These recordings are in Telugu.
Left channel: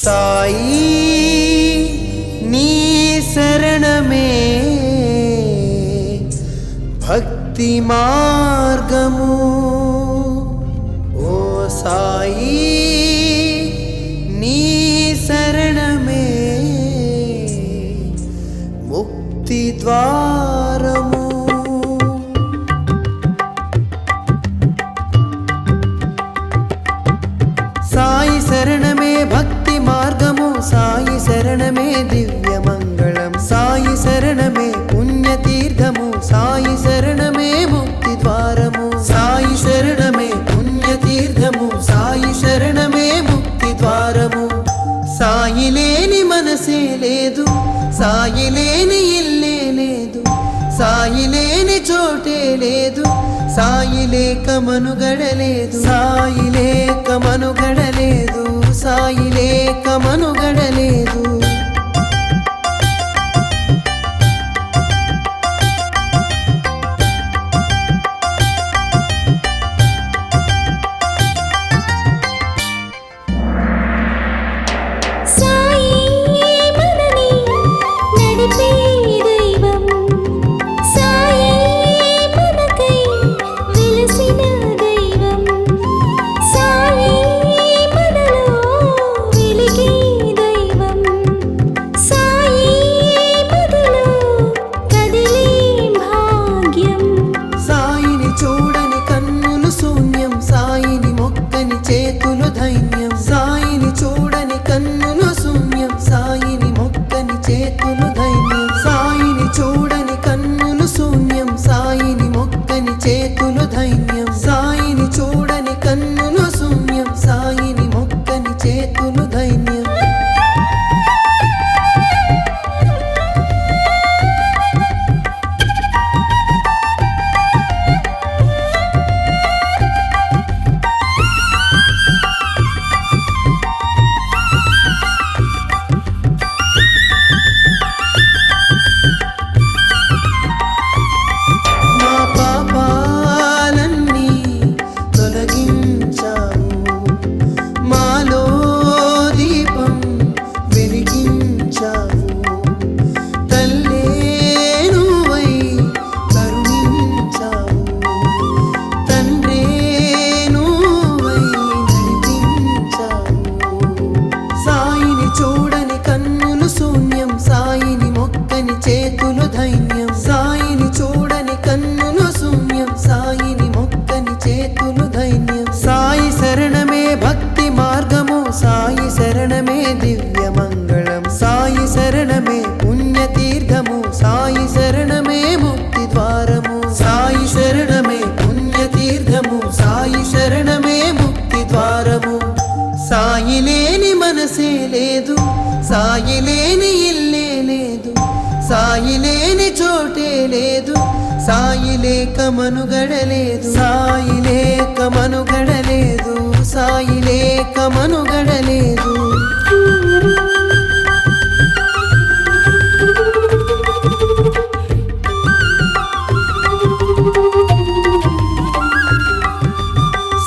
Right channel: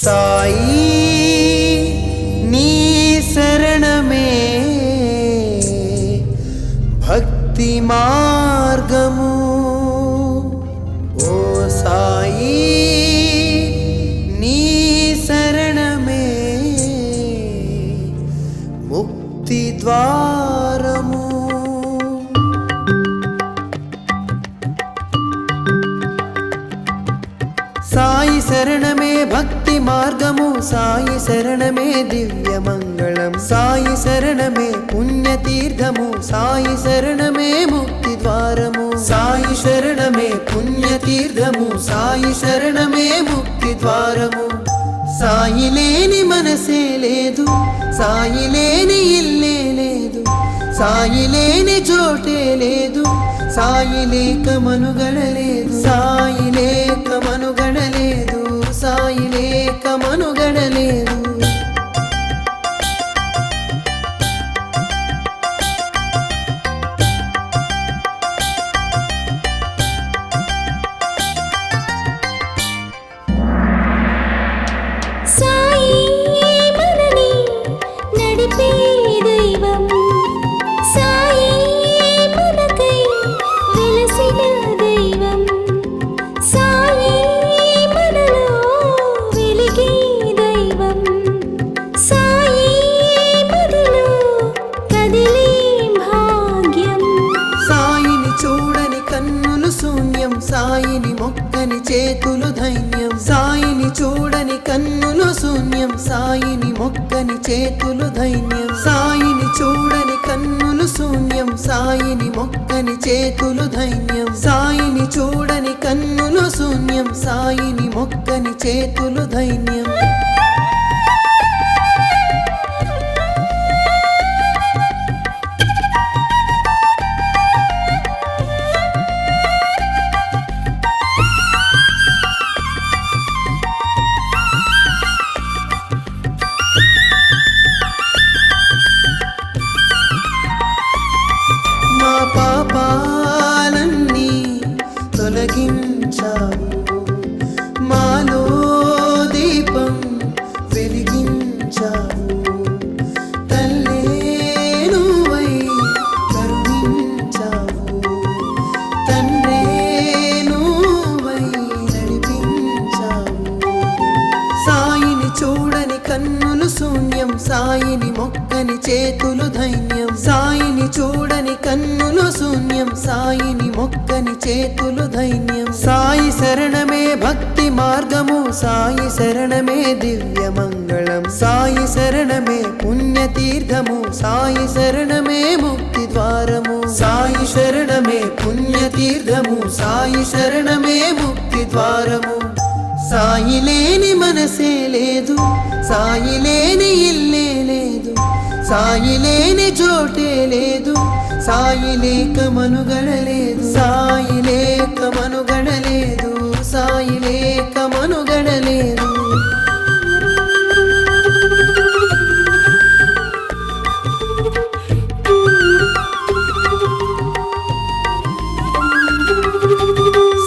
సాయి నీ శరణమే భక్తి మార్గము। ఓ సాయి నీ శరణమే ముక్తి ద్వారము। సాయి శరణమే భక్తి మార్గము, సాయి శరణమే దివ్య మంగళం, సాయి శరణమే పుణ్యతీర్థము, సాయి శరణమే ముక్తి ద్వారము। సాయి శరణమే పుణ్యతీర్థము, సాయి శరణమే ముక్తి ద్వారము। సాయి లేని మనసే లేదు, సాయి లేని ఇల్లే లేదు, సాయి లేని చోటే లేదు, సాయి లేక మనుగడలేదు, సాయి లేక మనుగడలేదు, సాయి లేక మనుగడలేదు। సాయి మనని నడిపే దైవం, సాయి మనకై వెలసిన దైవం, సాయి మనలో వెలిగే దైవం, సాయి మదిలో కదిలే భాగ్యం। సాయిని చూడని కన్నులు శూన్యం, సాయిని మొక్కని చేతులు ధైన్యం, సాయిని చూడని కన్నులు శూన్యం, సాయిని మొక్కని చేతులు ధైన్యం, సాయిని చూడని కన్నులు శూన్యం, సాయిని మొక్కని చేతులు ధైన్యం, సాయిని చూడని కన్నులు శూన్యం, సాయిని మొక్కని చేతులు ధైన్యం। మా పాపాలన్నీ తొలగించావు, మాలో దీపం వెలిగించావు, తల్లే నువ్వై కరుణించావు, తండ్రే నువ్వై నడిపించావు। సాయిని చూడని కన్నులు శూన్యం, సాయిని మొక్కని చేతులు ధైన్యం, సాయిని చూడని కన్నులు శూన్యం, సాయిని మొక్కని చేతులు ధైన్యం। సాయి శరణమే భక్తి మార్గము, సాయి శరణమే దివ్య మంగళం, సాయి శరణమే పుణ్యతీర్థము, సాయి శరణమే ముక్తి ద్వారము। సాయి శరణమే పుణ్యతీర్థము, సాయి శరణమే ముక్తి ద్వారము। సాయి లేని మనసే లేదు, సాయి లేని ఇల్లే లేదు, సాయి లేని చోటే లేదు, సాయి లేక మనుగడలేదు, సాయి లేక మనుగడలేదు, సాయి లేక మనుగడలేదు।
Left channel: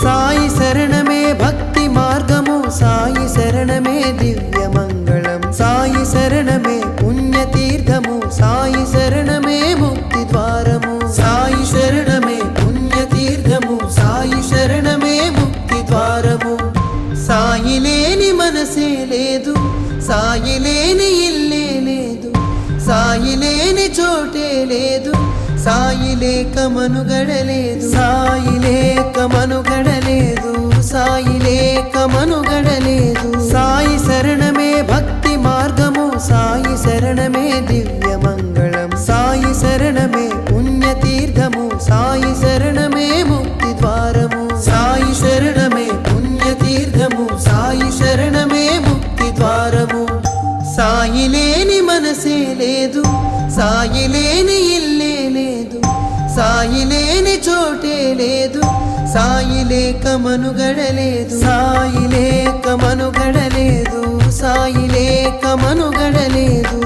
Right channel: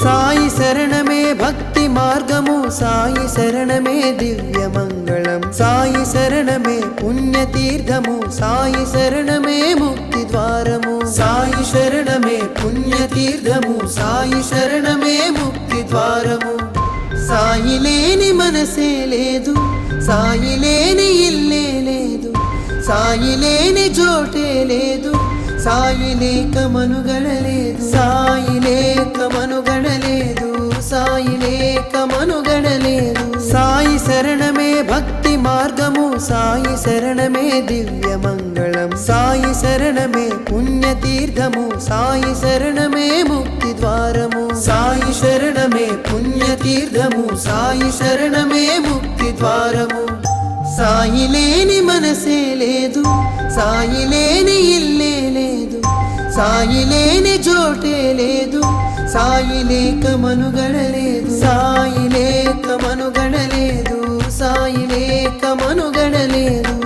సాయి శరణమే భక్తి మార్గము, సాయి శరణమే దివ్య మంగళం, సాయి శరణమే పుణ్యతీర్థము, సాయి శరణమే ముక్తి ద్వారము। సాయి శరణమే పుణ్యతీర్థము, సాయి శరణమే ముక్తి ద్వారము। సాయి లేని మనసే లేదు, సాయి లేని ఇల్లే లేదు, సాయి లేని చోటే లేదు, సాయి లేక మనుగడలేదు, సాయి లేక మనుగడలేదు, సాయి లేక మనుగడలేదు। సాయి శరణమే భక్తి మార్గము, సాయి శరణమే దివ్య మంగళం, సాయి శరణమే పుణ్యతీర్థము, సాయి శరణమే ముక్తి ద్వారము। సాయి శరణమే పుణ్యతీర్థము, సాయి శరణమే ముక్తి ద్వారము। సాయి లేని మనసే లేదు, సాయి లేని ఇల్లే లేదు, సాయి లేని చోటే లేదు, సాయి లేక మనుగడలేదు, సాయి లేక మనుగడలేదు, సాయి లేక మనుగడలేదు।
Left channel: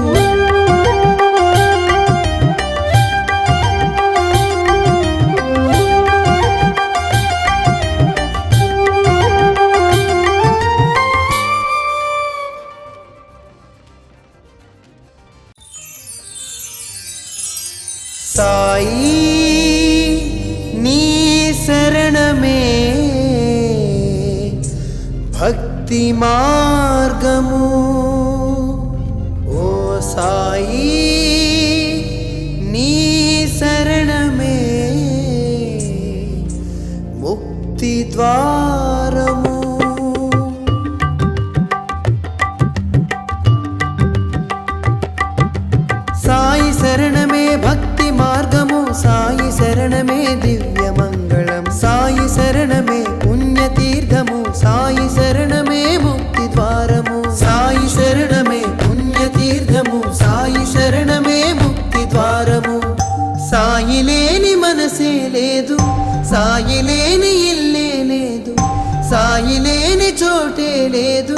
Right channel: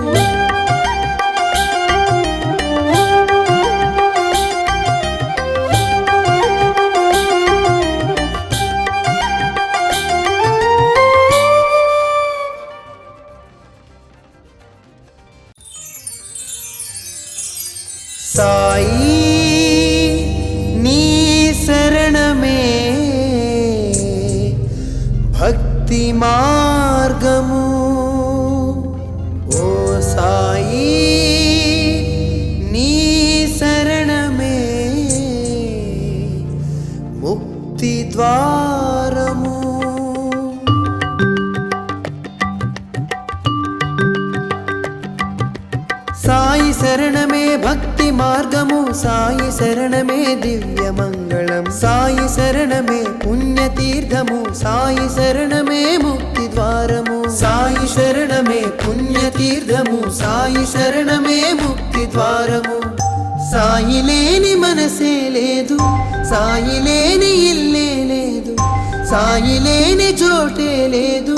సాయి నీ శరణమే భక్తి మార్గము ఓ సాయి నీ శరణమే ముక్తి ద్వారము సాయి శరణమే భక్తి మార్గము సాయి శరణమే దివ్య మంగళం సాయి శరణమే పుణ్యతీర్థము సాయి శరణమే ముక్తి ద్వారము సాయి శరణమే పుణ్యతీర్థము సాయి శరణమే ముక్తి ద్వారము సాయి లేని మనసే లేదు సాయి లేని ఇల్లే లేదు సాయి లేని చోటే లేదు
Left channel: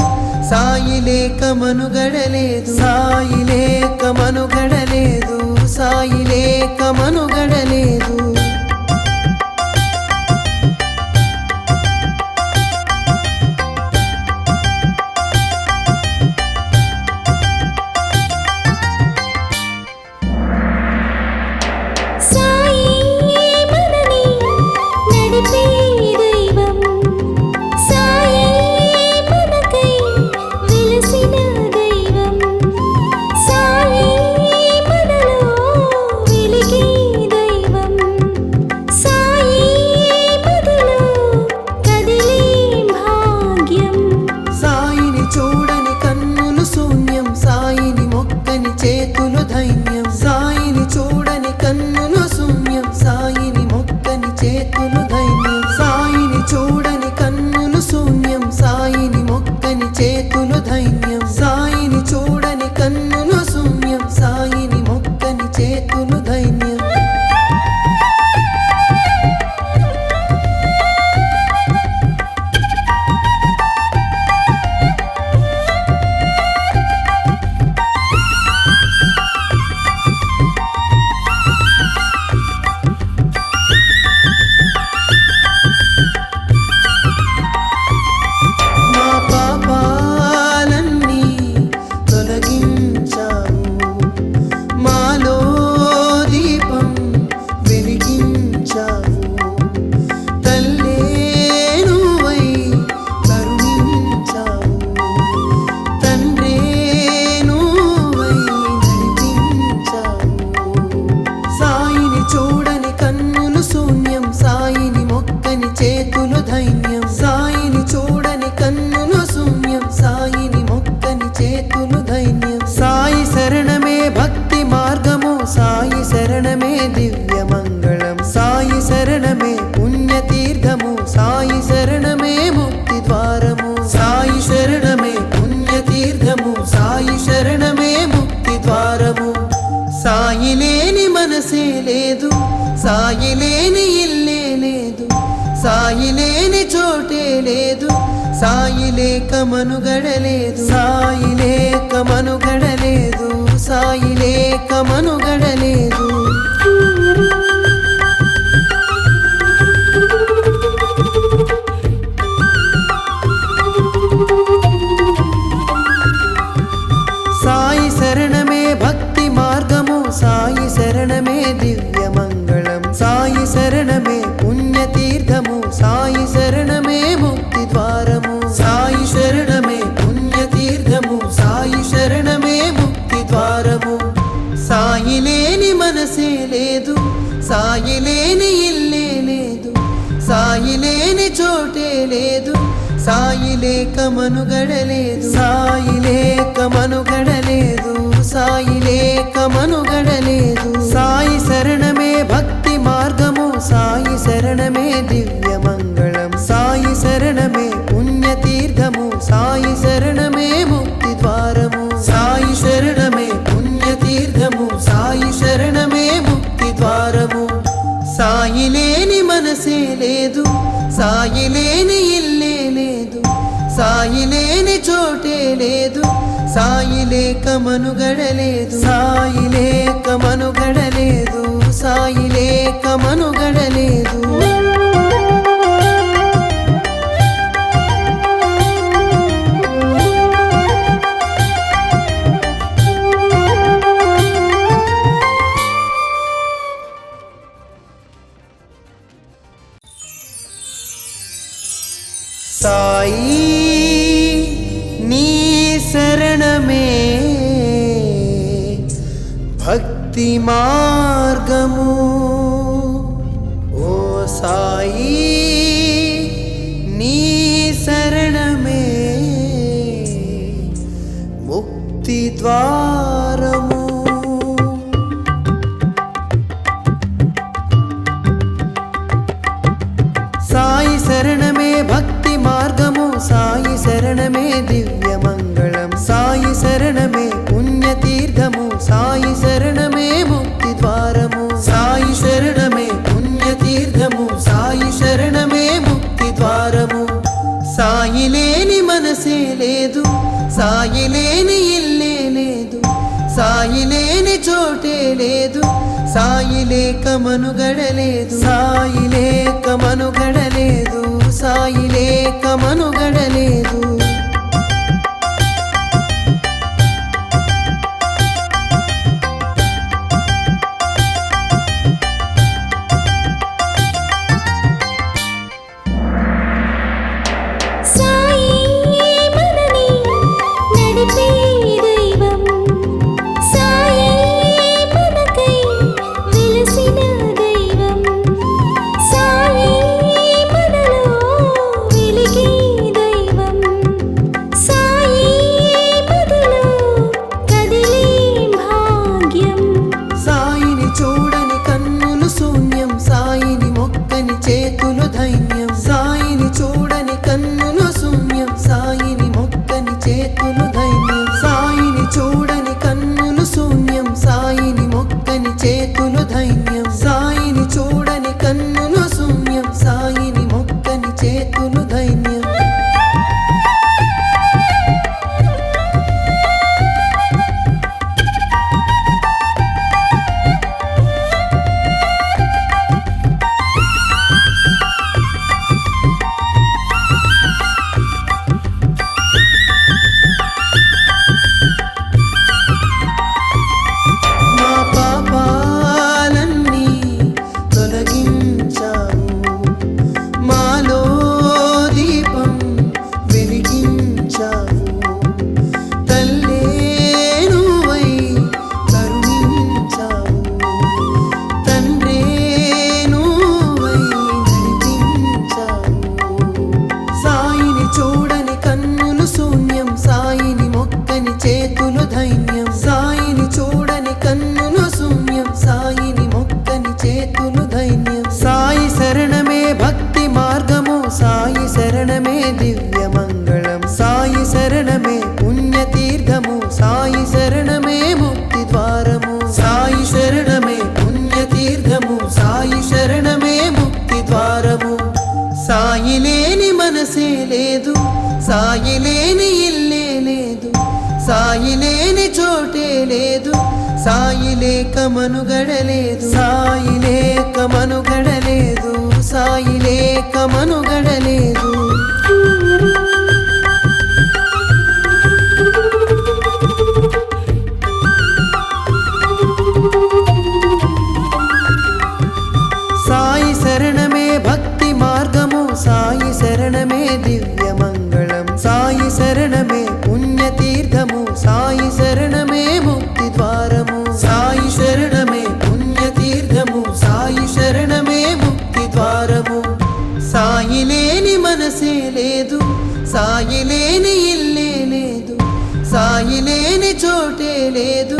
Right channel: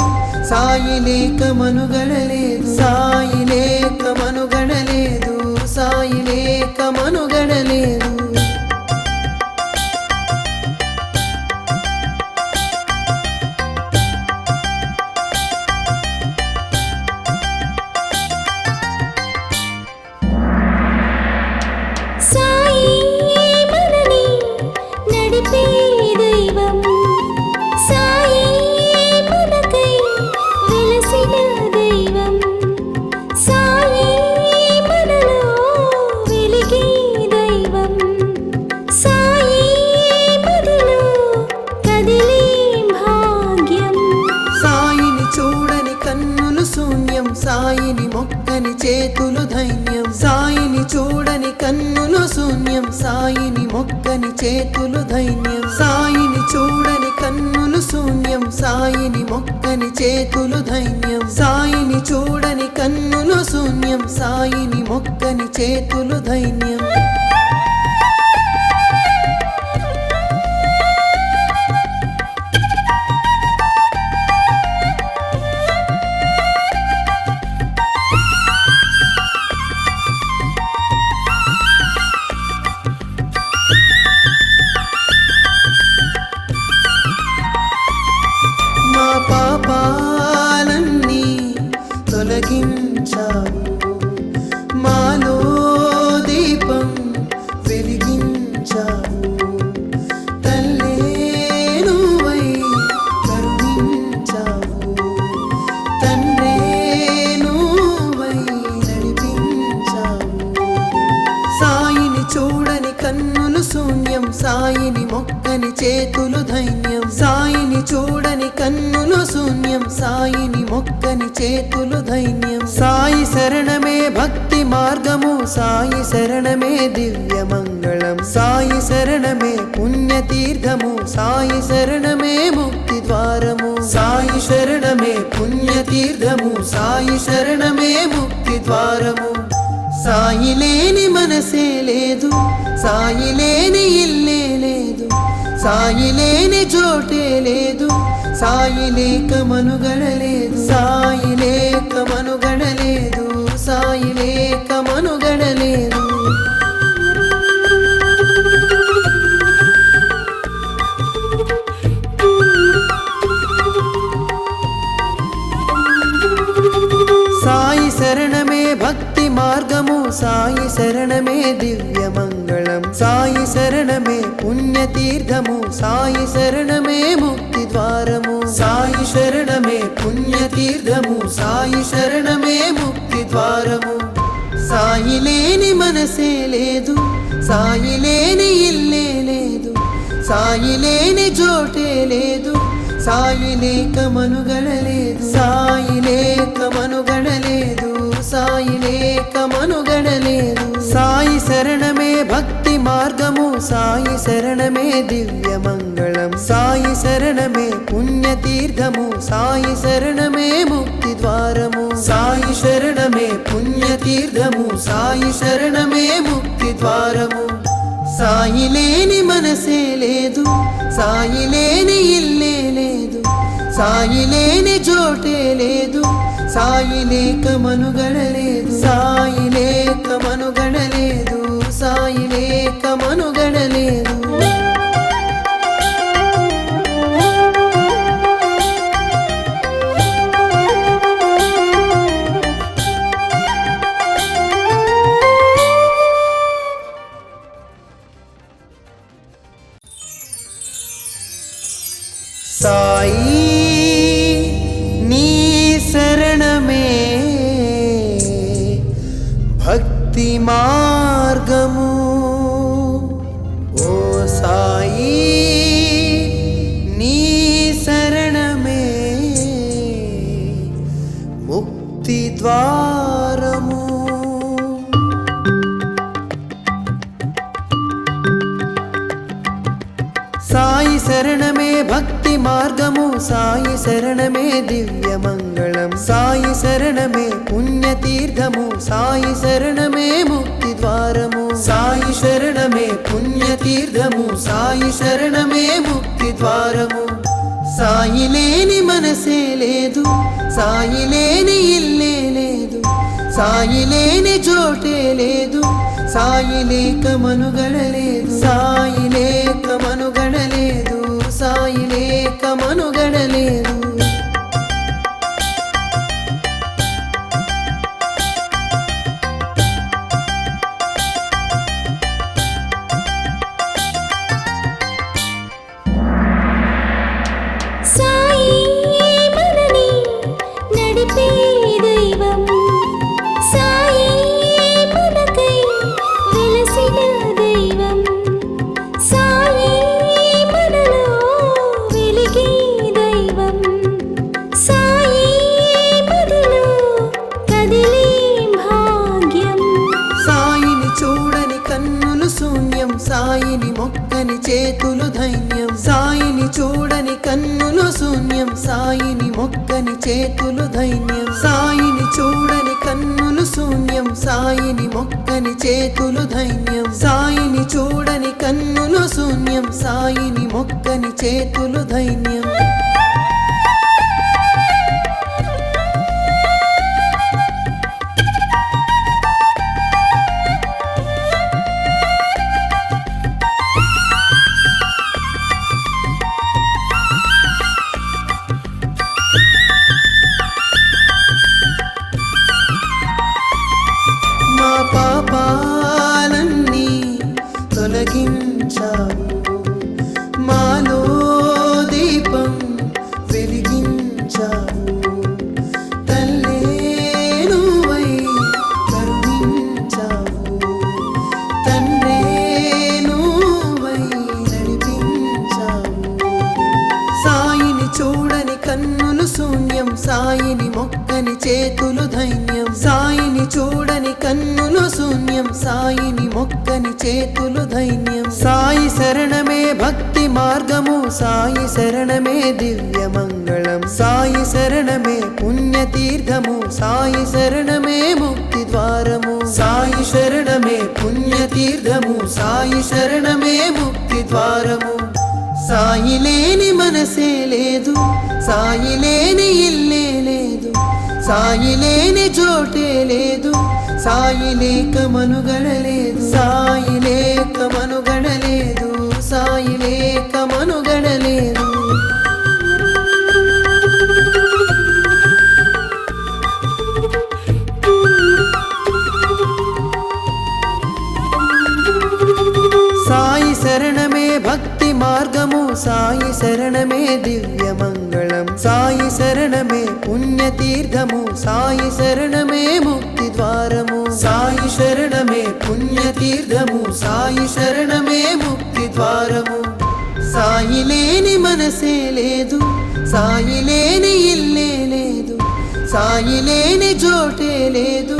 సాయి లేక మనుగడలేదు సాయి లేక మనుగడలేదు సాయి లేక మనుగడలేదు సాయి మనని నడిపే దైవం సాయి మనకై వెలసిన దైవం సాయి మనలో వెలిగే దైవం సాయి మదిలో కదిలే భాగ్యం సాయిని చూడని కన్నులు శూన్యం సాయిని మొక్కని చేతులు ధైన్యం సాయిని చూడని కన్నులు శూన్యం సాయిని మొక్కని చేతులు ధైన్యం సాయిని చూడని కన్నులు శూన్యం సాయిని మొక్కని చేతులు ధైన్యం సాయిని చూడని కన్నులు శూన్యం సాయిని మొక్కని చేతులు ధైన్యం మా పాపాలన్నీ తొలగించావు మాలో దీపం వెలిగించావు తల్లే నువ్వై కరుణించావు తండ్రే నువ్వై నడిపించావు సాయిని చూడని కన్నులు శూన్యం సాయిని మొక్కని చేతులు ధైన్యం సాయిని చూడని కన్నులు శూన్యం సాయిని మొక్కని చేతులు ధైన్యం సాయి శరణమే భక్తి మార్గము సాయి శరణమే దివ్య మంగళం సాయి శరణమే పుణ్యతీర్థము సాయి శరణమే ముక్తి ద్వారము సాయి శరణమే పుణ్యతీర్థము సాయి శరణమే ముక్తి ద్వారము సాయి లేని మనసే లేదు సాయి లేని ఇల్లే లేదు సాయి లేని చోటే లేదు సాయి లేక మనుగడలేదు సాయి లేక మనుగడలేదు సాయి లేక మనుగడలేదు సాయి శరణమే భక్తి మార్గము సాయి శరణమే దివ్య మంగళం సాయి శరణమే పుణ్యతీర్థము సాయి శరణమే ముక్తి ద్వారము సాయి శరణమే పుణ్యతీర్థము సాయి శరణమే ముక్తి ద్వారము సాయి లేని మనసే లేదు సాయి లేని ఇల్లే లేదు సాయి లేని చోటే లేదు సాయి లేక మనుగడలేదు సాయి లేక మనుగడలేదు సాయి లేక మనుగడలేదు సాయి శరణమే భక్తి మార్గము సాయి శరణమే దివ్య మంగళం సాయి శరణమే పుణ్యతీర్థము సాయి శరణమే ముక్తి ద్వారము సాయి శరణమే పుణ్యతీర్థము సాయి శరణమే ముక్తి ద్వారము సాయి లేని మనసే లేదు సాయి లేని ఇల్లే లేదు సాయి లేని చోటే లేదు సాయి లేక మనుగడలేదు సాయి లేక మనుగడలేదు సాయి లేక మనుగడలేదు సాయి నీ శరణమే భక్తి మార్గము ఓ సాయి నీ శరణమే ముక్తి ద్వారము సాయి శరణమే భక్తి మార్గము సాయి శరణమే దివ్య మంగళం సాయి శరణమే పుణ్యతీర్థము సాయి శరణమే ముక్తి ద్వారము సాయి శరణమే పుణ్యతీర్థము సాయి శరణమే ముక్తి ద్వారము సాయి లేని మనసే లేదు సాయి లేని ఇల్లే లేదు సాయి లేని చోటే లేదు సాయి లేక మనుగడలేదు సాయి లేక మనుగడలేదు సాయి లేక మనుగడలేదు సాయి మనని నడిపే దైవం సాయి మనకై వెలసిన దైవం సాయి మనలో వెలిగే దైవం సాయి మదిలో కదిలే భాగ్యం సాయిని చూడని కన్నులు శూన్యం సాయిని మొక్కని చేతులు ధైన్యం సాయిని చూడని కన్నులు శూన్యం సాయిని మొక్కని చేతులు ధైన్యం సాయిని చూడని కన్నులు శూన్యం సాయిని మొక్కని చేతులు ధైన్యం సాయిని చూడని కన్నులు శూన్యం సాయిని మొక్కని చేతులు ధైన్యం మా పాపాలన్నీ తొలగించావు మాలో దీపం వెలిగించావు తల్లే నువ్వై కరుణించావు తండ్రే నువ్వై నడిపించావు సాయిని చూడని కన్నులు శూన్యం సాయిని మొక్కని చేతులు ధైన్యం సాయిని చూడని కన్నులు శూన్యం సాయిని మొక్కని చేతులు ధైన్యం సాయి శరణమే భక్తి మార్గము సాయి శరణమే దివ్య మంగళం సాయి శరణమే పుణ్యతీర్థము సాయి శరణమే ముక్తి ద్వారము సాయి శరణమే పుణ్యతీర్థము సాయి శరణమే ముక్తి ద్వారము సాయి లేని మనసే లేదు సాయి లేని ఇల్లే లేదు సాయి లేని చోటే లేదు సాయి లేక మనుగడలేదు సాయి లేక మనుగడలేదు సాయి లేక మనుగడలేదు సాయి శరణమే భక్తి మార్గము సాయి శరణమే దివ్య మంగళం సాయి శరణమే పుణ్యతీర్థము సాయి శరణమే ముక్తి ద్వారము సాయి శరణమే పుణ్యతీర్థము సాయి శరణమే ముక్తి ద్వారము సాయి లేని మనసే లేదు సాయి లేని ఇల్లే లేదు సాయి లేని చోటే లేదు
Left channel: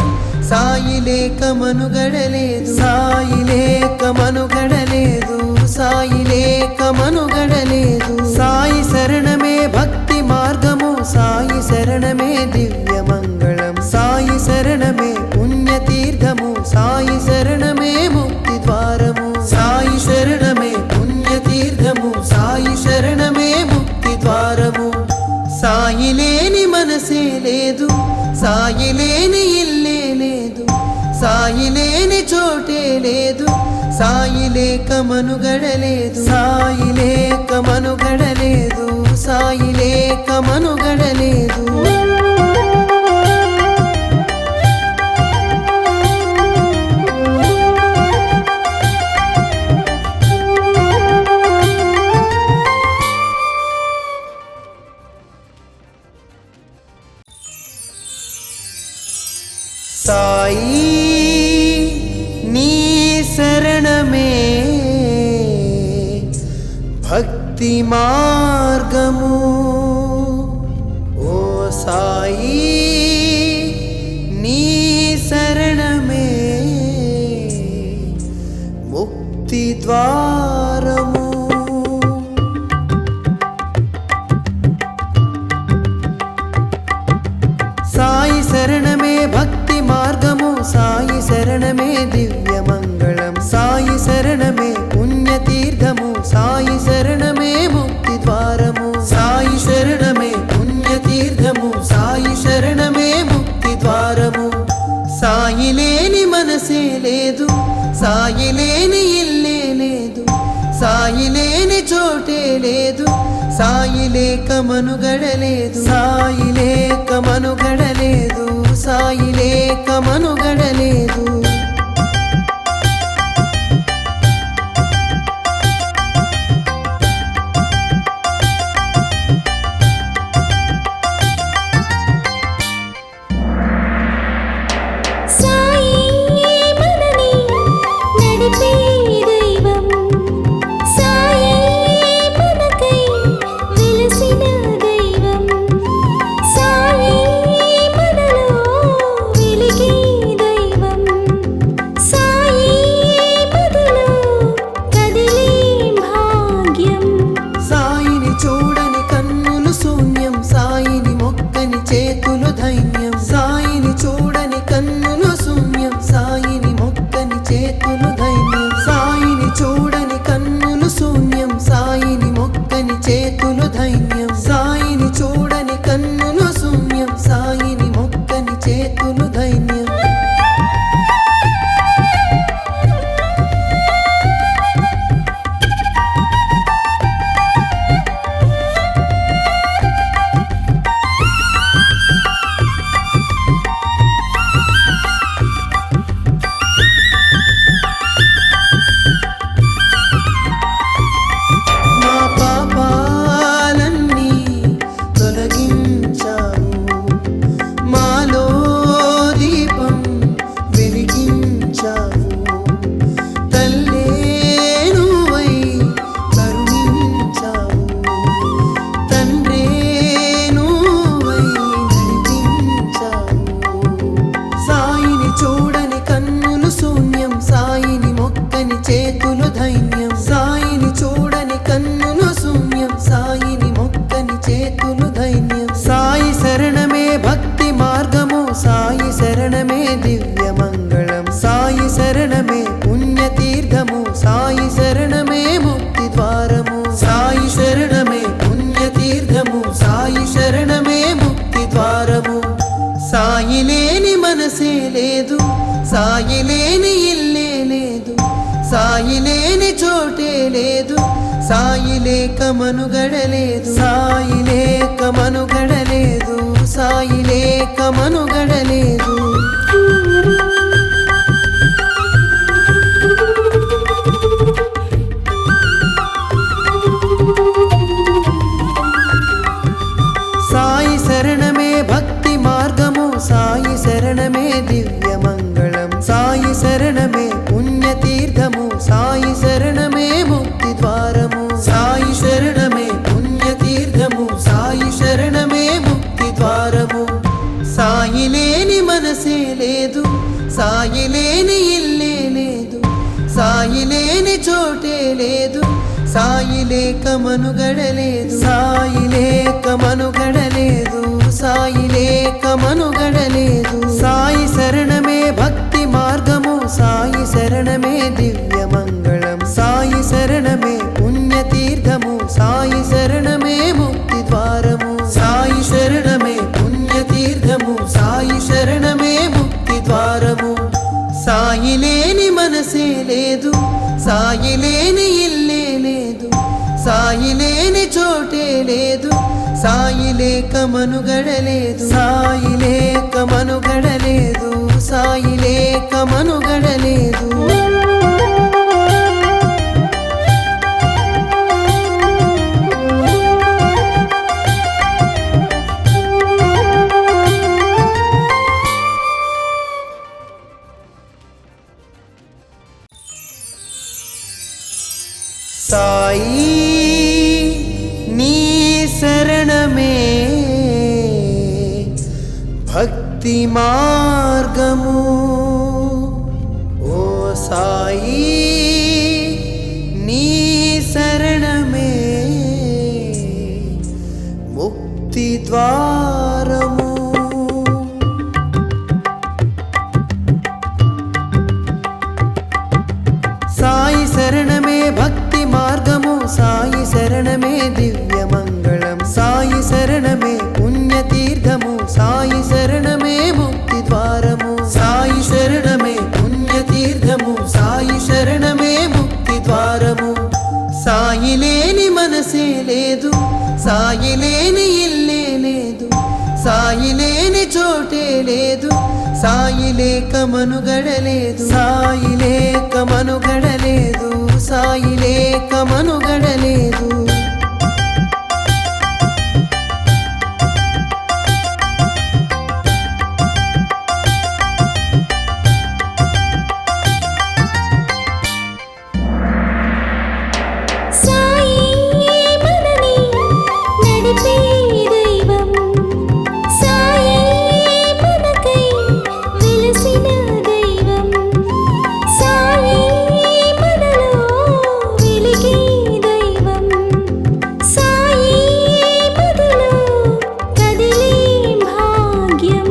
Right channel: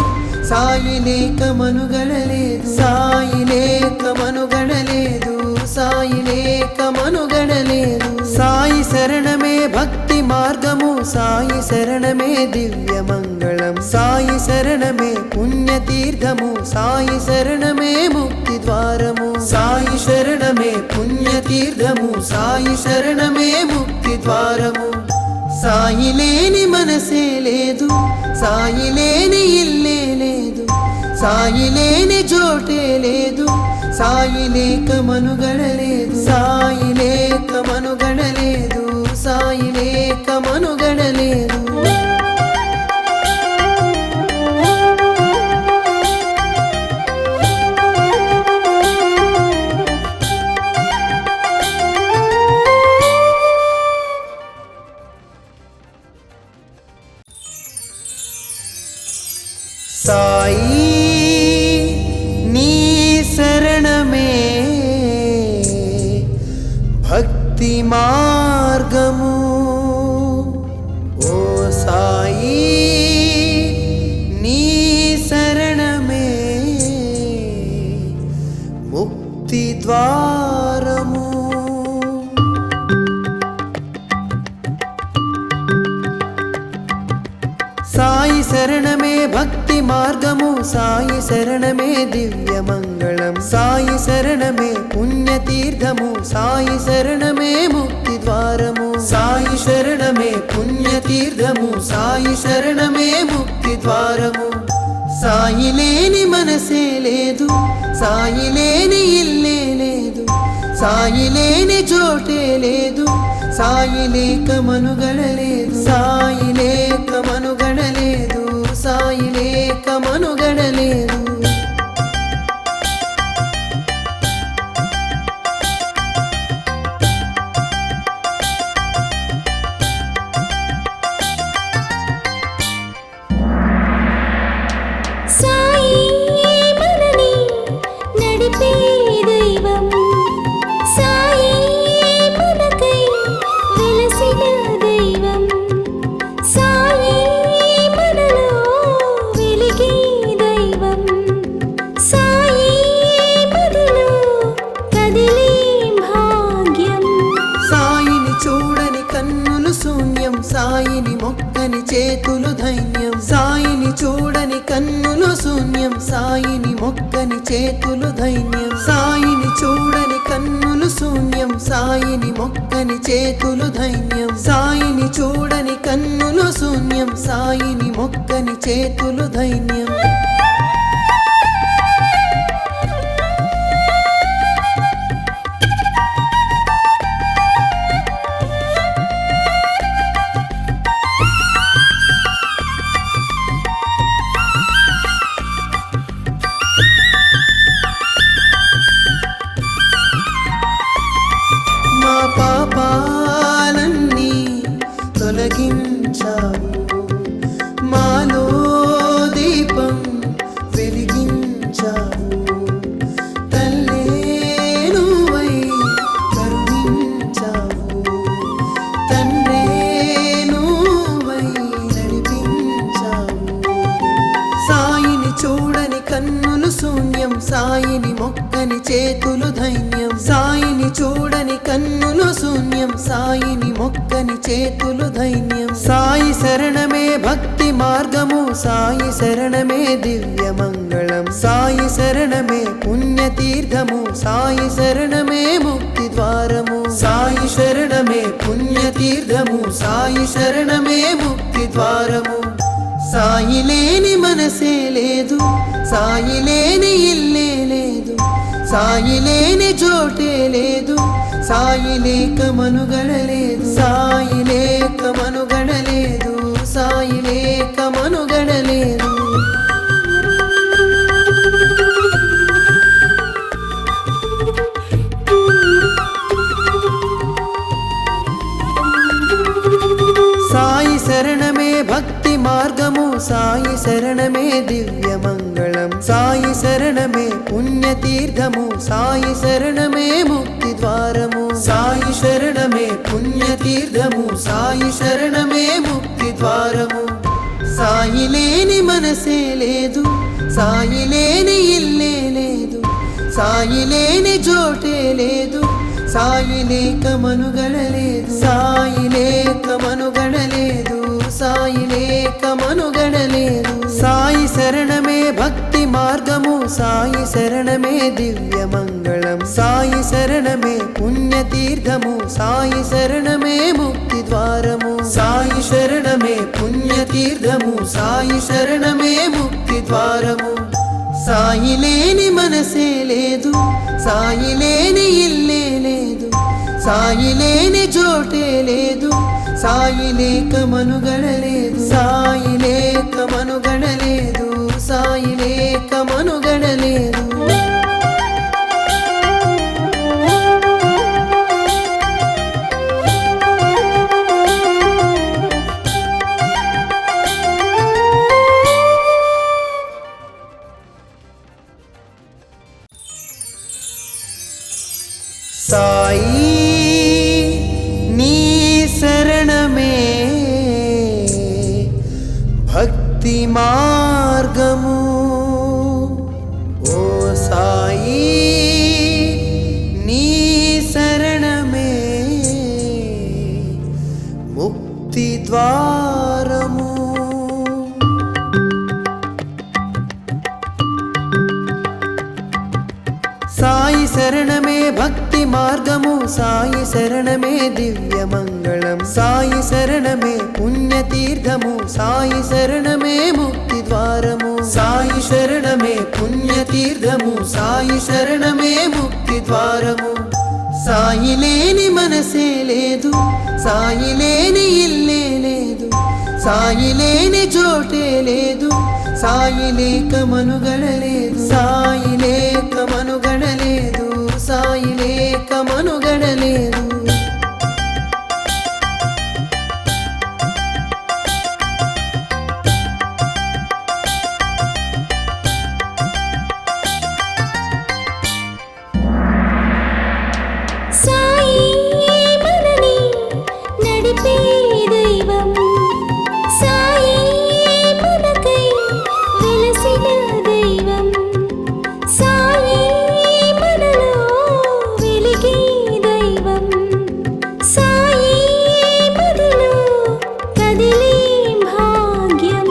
సాయి లేక మనుగడలేదు సాయి లేక మనుగడలేదు సాయి లేక మనుగడలేదు సాయి శరణమే భక్తి మార్గము సాయి శరణమే దివ్య మంగళం సాయి శరణమే పుణ్యతీర్థము సాయి శరణమే ముక్తి ద్వారము సాయి శరణమే పుణ్యతీర్థము సాయి శరణమే ముక్తి ద్వారము సాయి లేని మనసే లేదు సాయి లేని ఇల్లే లేదు సాయి లేని చోటే లేదు సాయి లేక మనుగడలేదు సాయి లేక మనుగడలేదు సాయి లేక మనుగడలేదు సాయి నీ శరణమే భక్తి మార్గము ఓ సాయి నీ శరణమే ముక్తి ద్వారము సాయి శరణమే భక్తి మార్గము సాయి శరణమే దివ్య మంగళం సాయి శరణమే పుణ్యతీర్థము సాయి శరణమే ముక్తి ద్వారము సాయి శరణమే పుణ్యతీర్థము సాయి శరణమే ముక్తి ద్వారము సాయి లేని మనసే లేదు సాయి లేని ఇల్లే లేదు సాయి లేని చోటే లేదు సాయి లేక మనుగడలేదు సాయి లేక మనుగడలేదు సాయి లేక మనుగడలేదు సాయి మనని నడిపే దైవం సాయి మనకై వెలసిన దైవం సాయి మనలో వెలిగే దైవం సాయి మదిలో కదిలే భాగ్యం సాయిని చూడని కన్నులు శూన్యం సాయిని మొక్కని చేతులు ధైన్యం సాయిని చూడని కన్నులు శూన్యం సాయిని మొక్కని చేతులు ధైన్యం సాయిని చూడని కన్నులు శూన్యం సాయిని మొక్కని చేతులు ధైన్యం సాయిని చూడని కన్నులు శూన్యం సాయిని మొక్కని చేతులు ధైన్యం మా పాపాలన్నీ తొలగించావు మాలో దీపం వెలిగించావు తల్లే నువ్వై కరుణించావు తండ్రే నువ్వై నడిపించావు సాయిని చూడని కన్నులు శూన్యం సాయిని మొక్కని చేతులు ధైన్యం సాయిని చూడని కన్నులు శూన్యం సాయిని మొక్కని చేతులు ధైన్యం సాయి శరణమే భక్తి మార్గము సాయి శరణమే దివ్య మంగళం సాయి శరణమే పుణ్యతీర్థము సాయి శరణమే ముక్తి ద్వారము సాయి శరణమే పుణ్యతీర్థము సాయి శరణమే ముక్తి ద్వారము సాయి లేని మనసే లేదు సాయి లేని ఇల్లే లేదు సాయి లేని చోటే లేదు సాయి లేక మనుగడలేదు సాయి లేక మనుగడలేదు సాయి లేక మనుగడలేదు సాయి శరణమే భక్తి మార్గము సాయి శరణమే దివ్య మంగళం సాయి శరణమే పుణ్యతీర్థము సాయి శరణమే ముక్తి ద్వారము సాయి శరణమే పుణ్యతీర్థము సాయి శరణమే ముక్తి ద్వారము సాయి లేని మనసే లేదు సాయి లేని ఇల్లే లేదు సాయి లేని చోటే లేదు సాయి లేక మనుగడలేదు సాయి లేక మనుగడలేదు సాయి లేక మనుగడలేదు సాయి శరణమే భక్తి మార్గము సాయి శరణమే దివ్య మంగళం సాయి శరణమే పుణ్యతీర్థము సాయి శరణమే ముక్తి ద్వారము సాయి శరణమే పుణ్యతీర్థము సాయి శరణమే ముక్తి ద్వారము సాయి లేని మనసే లేదు సాయి లేని ఇల్లే లేదు సాయి లేని చోటే లేదు సాయి లేక మనుగడలేదు సాయి లేక మనుగడలేదు సాయి లేక మనుగడలేదు సాయి నీ శరణమే భక్తి మార్గము ఓ సాయి నీ శరణమే ముక్తి ద్వారము సాయి శరణమే భక్తి మార్గము సాయి శరణమే దివ్య మంగళం సాయి శరణమే పుణ్యతీర్థము సాయి శరణమే ముక్తి ద్వారము సాయి శరణమే పుణ్యతీర్థము సాయి శరణమే ముక్తి ద్వారము సాయి లేని మనసే లేదు సాయి లేని ఇల్లే లేదు సాయి లేని చోటే లేదు సాయి లేక మనుగడలేదు సాయి లేక మనుగడలేదు సాయి లేక మనుగడలేదు సాయి మనని నడిపే దైవం సాయి మనకై వెలసిన దైవం సాయి మనలో వెలిగే దైవం సాయి మదిలో కదిలే భాగ్యం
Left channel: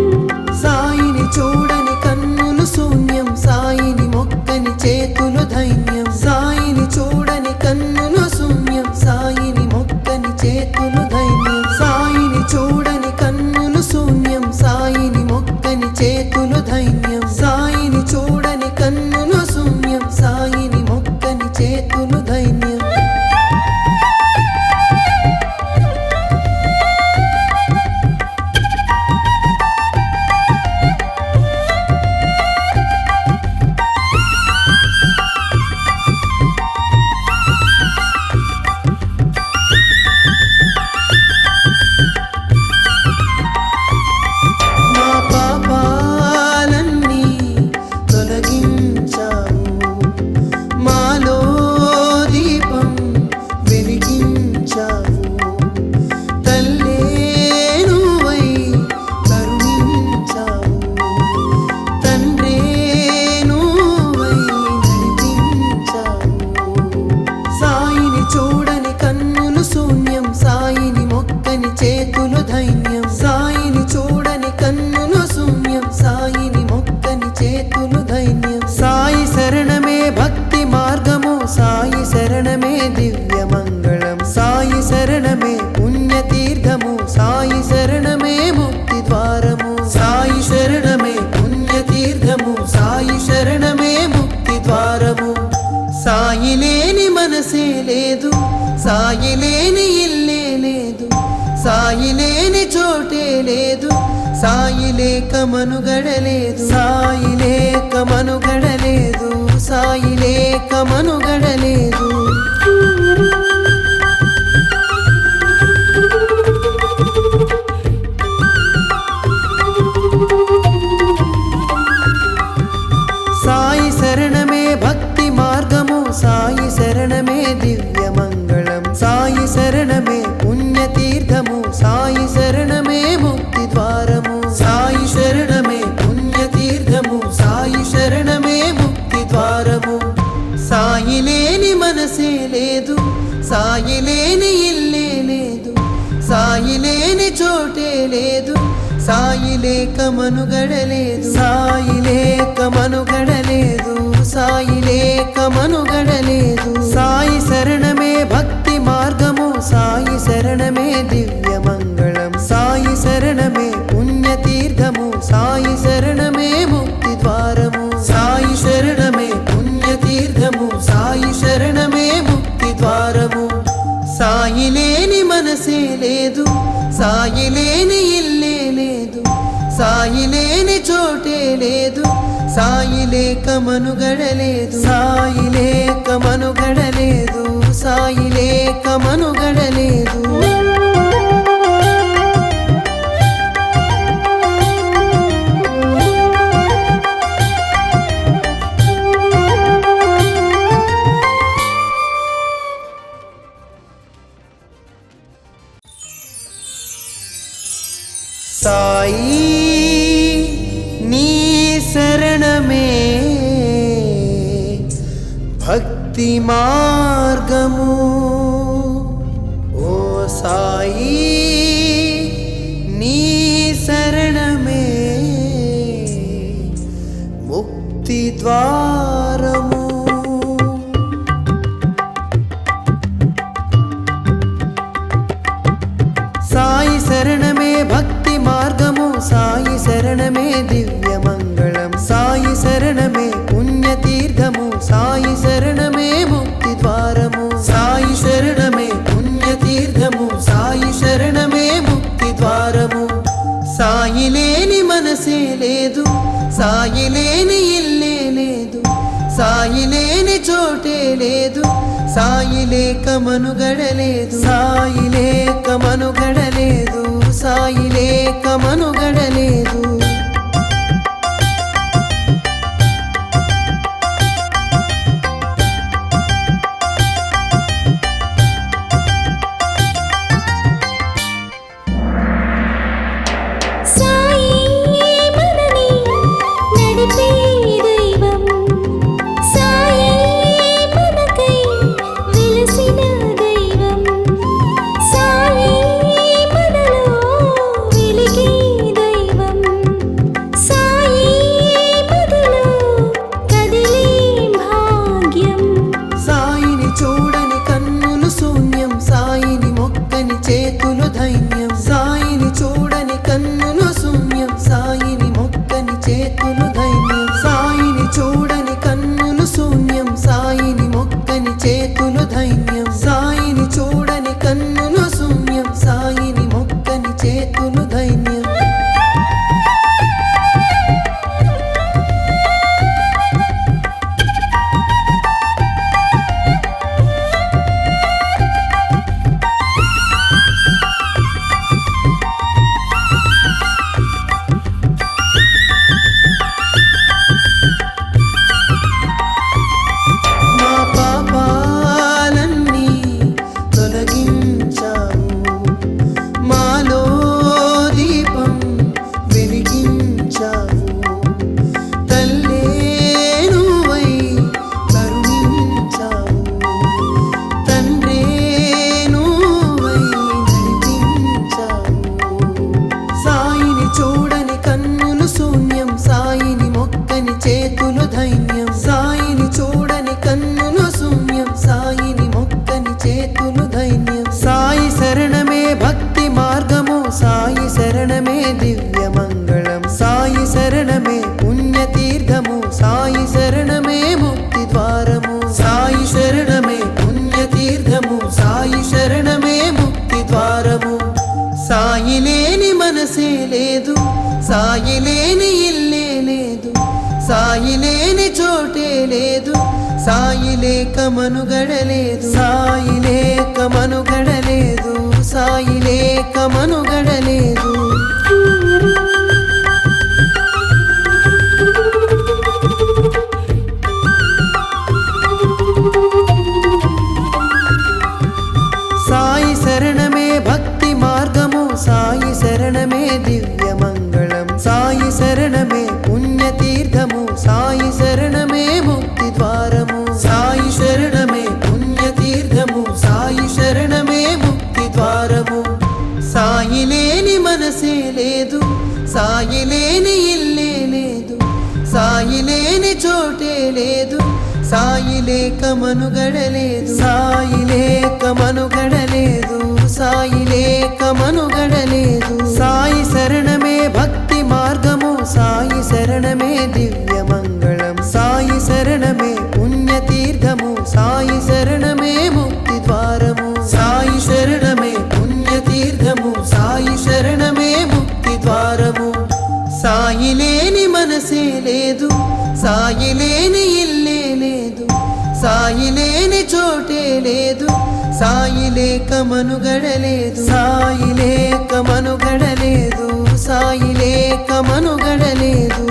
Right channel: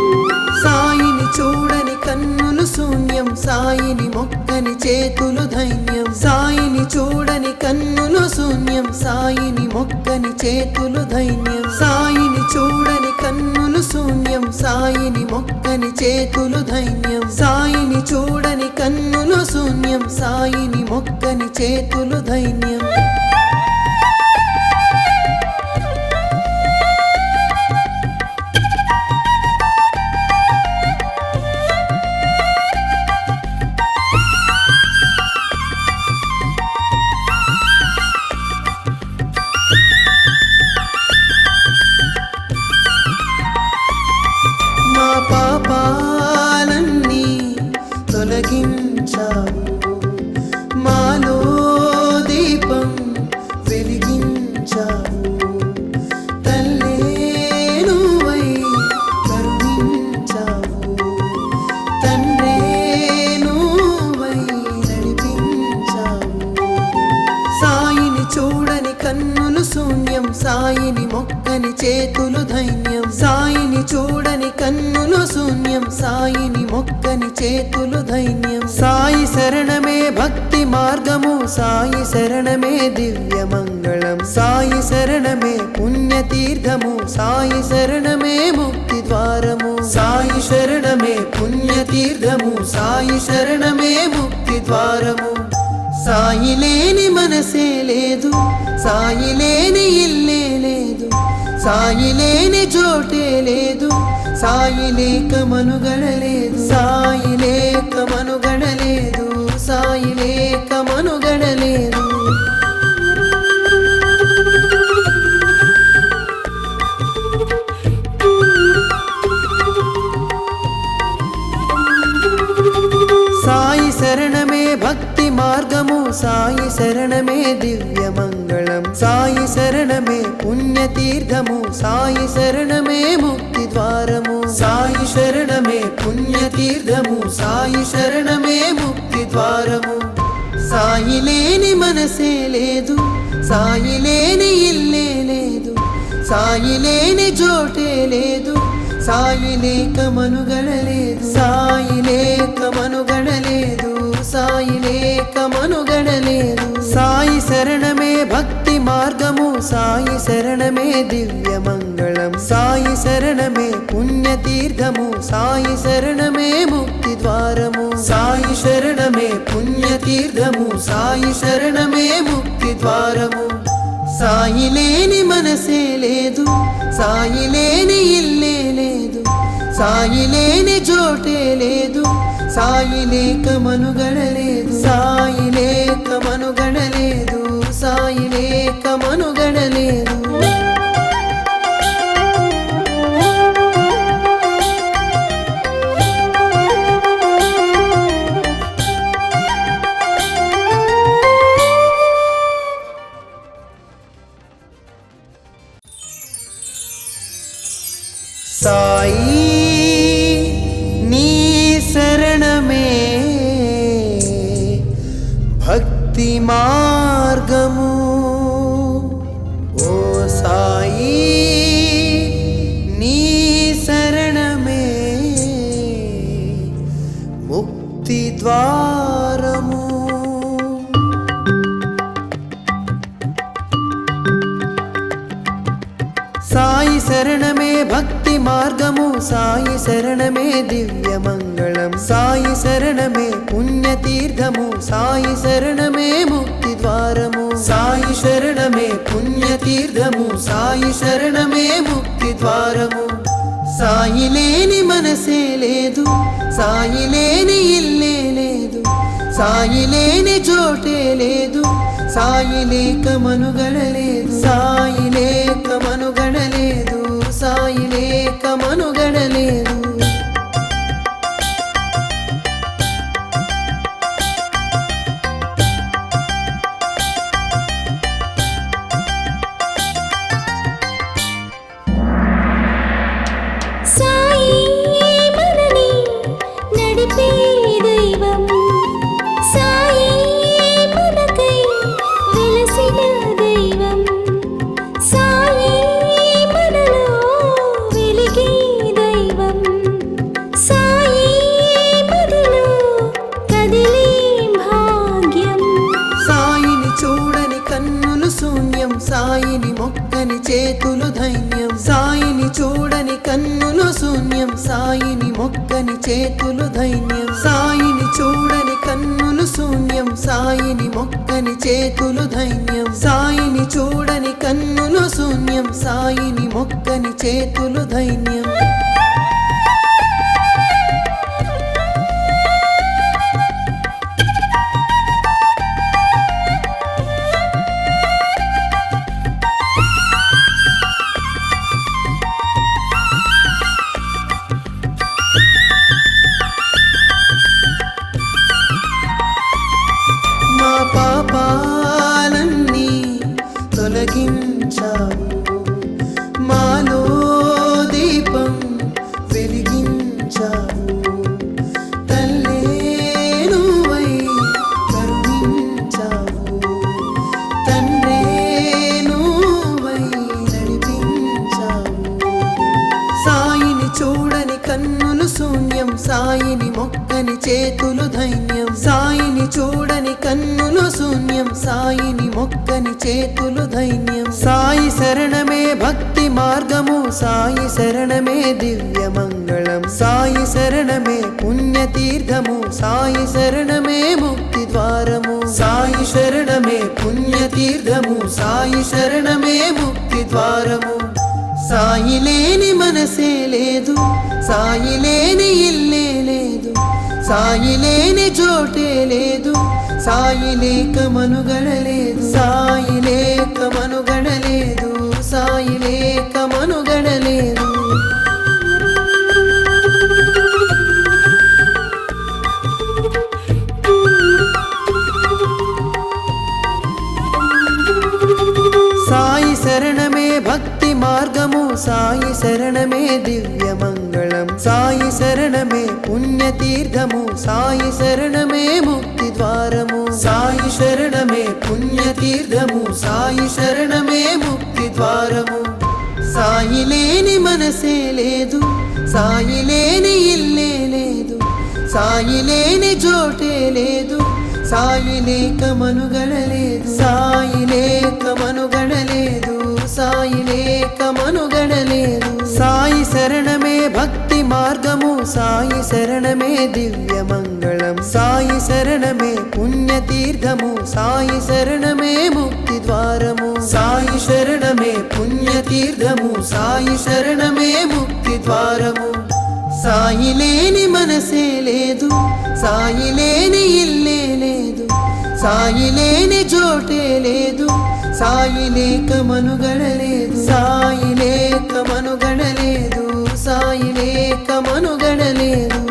సాయిని చూడని కన్నులు శూన్యం సాయిని మొక్కని చేతులు ధైన్యం సాయిని చూడని కన్నులు శూన్యం సాయిని మొక్కని చేతులు ధైన్యం సాయిని చూడని కన్నులు శూన్యం సాయిని మొక్కని చేతులు ధైన్యం సాయిని చూడని కన్నులు శూన్యం సాయిని మొక్కని చేతులు ధైన్యం మా పాపాలన్నీ తొలగించావు మాలో దీపం వెలిగించావు తల్లే నువ్వై కరుణించావు తండ్రే నువ్వై నడిపించావు సాయిని చూడని కన్నులు శూన్యం సాయిని మొక్కని చేతులు ధైన్యం సాయిని చూడని కన్నులు శూన్యం సాయిని మొక్కని చేతులు ధైన్యం సాయి శరణమే భక్తి మార్గము సాయి శరణమే దివ్య మంగళం సాయి శరణమే పుణ్యతీర్థము సాయి శరణమే ముక్తి ద్వారము సాయి శరణమే పుణ్యతీర్థము సాయి శరణమే ముక్తి ద్వారము సాయి లేని మనసే లేదు సాయి లేని ఇల్లే లేదు సాయి లేని చోటే లేదు సాయి లేక మనుగడలేదు సాయి లేక మనుగడలేదు సాయి లేక మనుగడలేదు సాయి శరణమే భక్తి మార్గము సాయి శరణమే దివ్య మంగళం సాయి శరణమే పుణ్యతీర్థము సాయి శరణమే ముక్తి ద్వారము సాయి శరణమే పుణ్యతీర్థము సాయి శరణమే ముక్తి ద్వారము సాయి లేని మనసే లేదు సాయి లేని ఇల్లే లేదు సాయి లేని చోటే లేదు సాయి లేక మనుగడలేదు సాయి లేక మనుగడలేదు సాయి లేక మనుగడలేదు సాయి శరణమే భక్తి మార్గము సాయి శరణమే దివ్య మంగళం సాయి శరణమే పుణ్యతీర్థము సాయి శరణమే ముక్తి ద్వారము సాయి శరణమే పుణ్యతీర్థము సాయి శరణమే ముక్తి ద్వారము సాయి లేని మనసే లేదు సాయి లేని ఇల్లే లేదు సాయి లేని చోటే లేదు సాయి లేక మనుగడలేదు సాయి లేక మనుగడలేదు సాయి లేక మనుగడలేదు సాయి నీ శరణమే భక్తి మార్గము ఓ సాయి నీ శరణమే ముక్తి ద్వారము సాయి శరణమే భక్తి మార్గము సాయి శరణమే దివ్య మంగళం సాయి శరణమే పుణ్యతీర్థము సాయి శరణమే ముక్తి ద్వారము సాయి శరణమే పుణ్యతీర్థము సాయి శరణమే ముక్తి ద్వారము సాయి లేని మనసే లేదు సాయి లేని ఇల్లే లేదు సాయి లేని చోటే లేదు సాయి లేక మనుగడలేదు సాయి లేక మనుగడలేదు సాయి లేక మనుగడలేదు సాయి మనని నడిపే దైవం సాయి మనకై వెలసిన దైవం సాయి మనలో వెలిగే దైవం సాయి మదిలో కదిలే భాగ్యం సాయిని చూడని కన్నులు శూన్యం సాయిని మొక్కని చేతులు ధైన్యం సాయిని చూడని కన్నులు శూన్యం సాయిని మొక్కని చేతులు ధైన్యం సాయిని చూడని కన్నులు శూన్యం సాయిని మొక్కని చేతులు ధైన్యం సాయిని చూడని కన్నులు శూన్యం సాయిని మొక్కని చేతులు ధైన్యం మా పాపాలన్నీ తొలగించావు మాలో దీపం వెలిగించావు తల్లే నువ్వై కరుణించావు తండ్రే నువ్వై నడిపించావు సాయిని చూడని కన్నులు శూన్యం సాయిని మొక్కని చేతులు ధైన్యం సాయిని చూడని కన్నులు శూన్యం సాయిని మొక్కని చేతులు ధైన్యం సాయి శరణమే భక్తి మార్గము సాయి శరణమే దివ్య మంగళం సాయి శరణమే పుణ్యతీర్థము సాయి శరణమే ముక్తి ద్వారము సాయి శరణమే పుణ్యతీర్థము సాయి శరణమే ముక్తి ద్వారము సాయి లేని మనసే లేదు సాయి లేని ఇల్లే లేదు సాయి లేని చోటే లేదు సాయి లేక మనుగడలేదు సాయి లేక మనుగడలేదు సాయి లేక మనుగడలేదు సాయి శరణమే భక్తి మార్గము సాయి శరణమే దివ్య మంగళం సాయి శరణమే పుణ్యతీర్థము సాయి శరణమే ముక్తి ద్వారము సాయి శరణమే పుణ్యతీర్థము సాయి శరణమే ముక్తి ద్వారము సాయి లేని మనసే లేదు సాయి లేని ఇల్లే లేదు సాయి లేని చోటే లేదు సాయి లేక మనుగడలేదు సాయి లేక మనుగడలేదు సాయి లేక మనుగడలేదు సాయి శరణమే భక్తి మార్గము సాయి శరణమే దివ్య మంగళం సాయి శరణమే పుణ్యతీర్థము సాయి శరణమే ముక్తి ద్వారము సాయి శరణమే పుణ్యతీర్థము సాయి శరణమే ముక్తి ద్వారము సాయి లేని మనసే లేదు సాయి లేని ఇల్లే లేదు సాయి లేని చోటే లేదు సాయి లేక మనుగడలేదు సాయి లేక మనుగడలేదు సాయి లేక మనుగడలేదు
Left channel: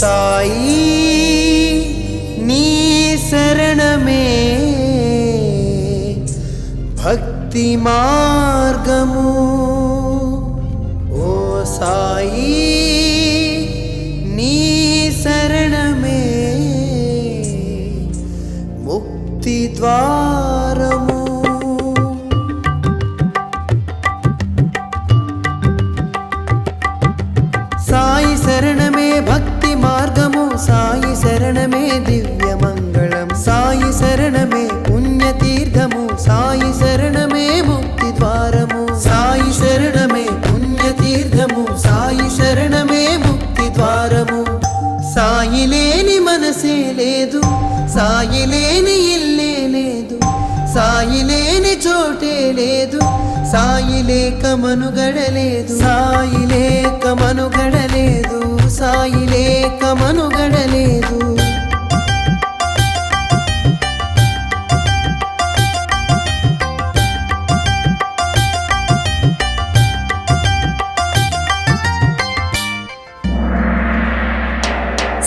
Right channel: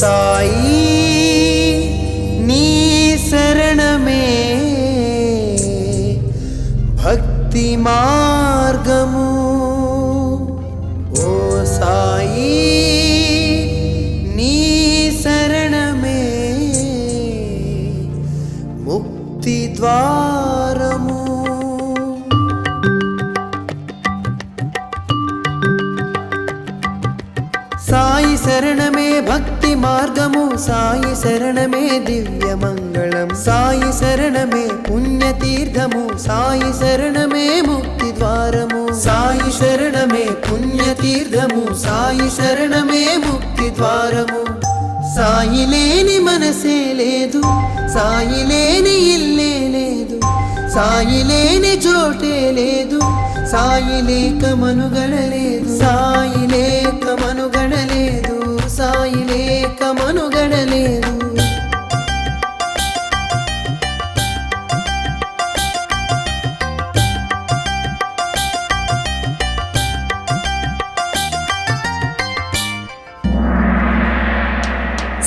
సాయి నీ శరణమే భక్తి మార్గము ఓ సాయి నీ శరణమే ముక్తి ద్వారము సాయి శరణమే భక్తి మార్గము సాయి శరణమే దివ్య మంగళం సాయి శరణమే పుణ్యతీర్థము సాయి శరణమే ముక్తి ద్వారము సాయి శరణమే పుణ్యతీర్థము సాయి శరణమే ముక్తి ద్వారము సాయి లేని మనసే లేదు సాయి లేని ఇల్లే లేదు సాయి లేని చోటే లేదు సాయి లేక మనుగడలేదు సాయి లేక మనుగడలేదు సాయి లేక మనుగడలేదు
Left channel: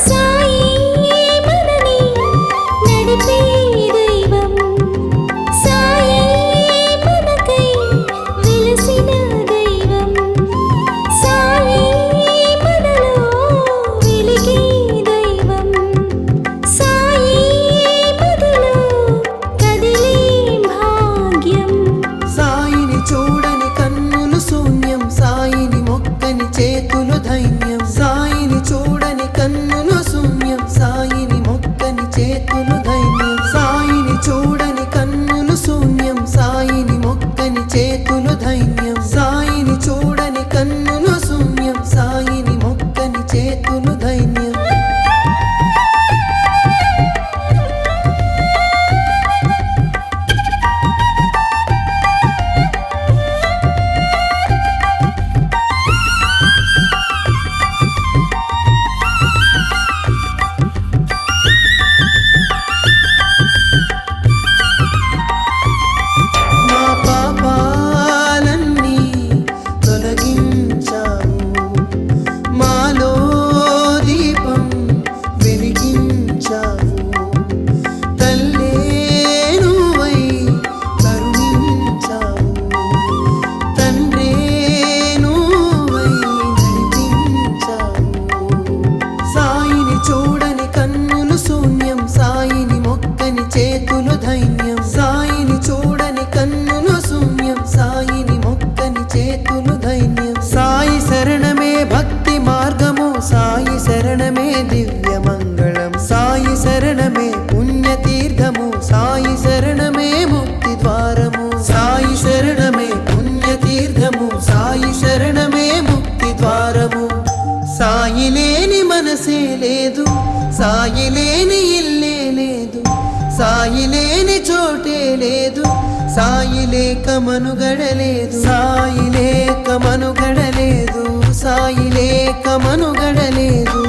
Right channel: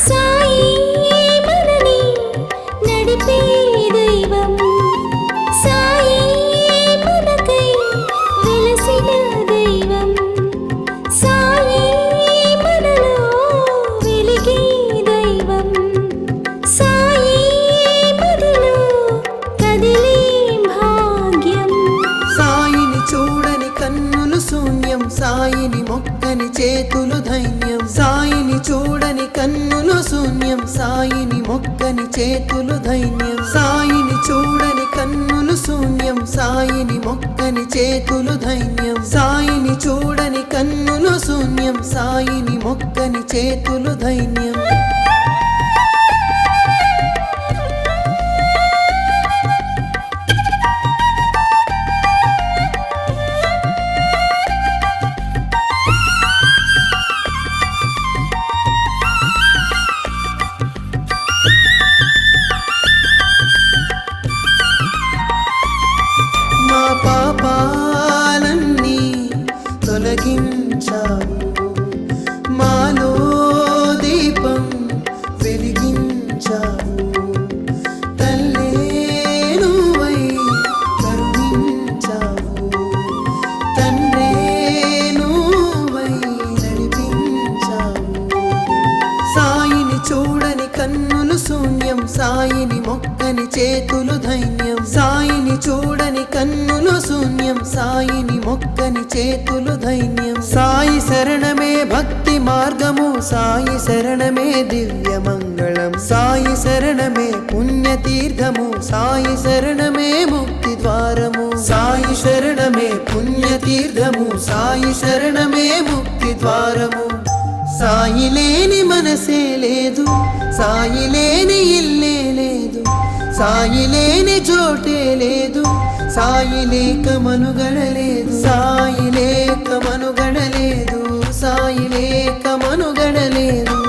సాయి మనని నడిపే దైవం సాయి మనకై వెలసిన దైవం సాయి మనలో వెలిగే దైవం సాయి మదిలో కదిలే భాగ్యం సాయిని చూడని కన్నులు శూన్యం సాయిని మొక్కని చేతులు ధైన్యం సాయిని చూడని కన్నులు శూన్యం సాయిని మొక్కని చేతులు ధైన్యం సాయిని చూడని కన్నులు శూన్యం సాయిని మొక్కని చేతులు ధైన్యం సాయిని చూడని కన్నులు శూన్యం సాయిని మొక్కని చేతులు ధైన్యం మా పాపాలన్నీ తొలగించావు మాలో దీపం వెలిగించావు తల్లే నువ్వై కరుణించావు తండ్రే నువ్వై నడిపించావు సాయిని చూడని కన్నులు శూన్యం సాయిని మొక్కని చేతులు ధైన్యం సాయిని చూడని కన్నులు శూన్యం సాయిని మొక్కని చేతులు ధైన్యం సాయి శరణమే భక్తి మార్గము సాయి శరణమే దివ్య మంగళం సాయి శరణమే పుణ్యతీర్థము సాయి శరణమే ముక్తి ద్వారము సాయి శరణమే పుణ్యతీర్థము సాయి శరణమే ముక్తి ద్వారము సాయి లేని మనసే లేదు సాయి లేని ఇల్లే లేదు సాయి లేని చోటే లేదు సాయి లేక మనుగడలేదు సాయి లేక మనుగడలేదు సాయి లేక మనుగడలేదు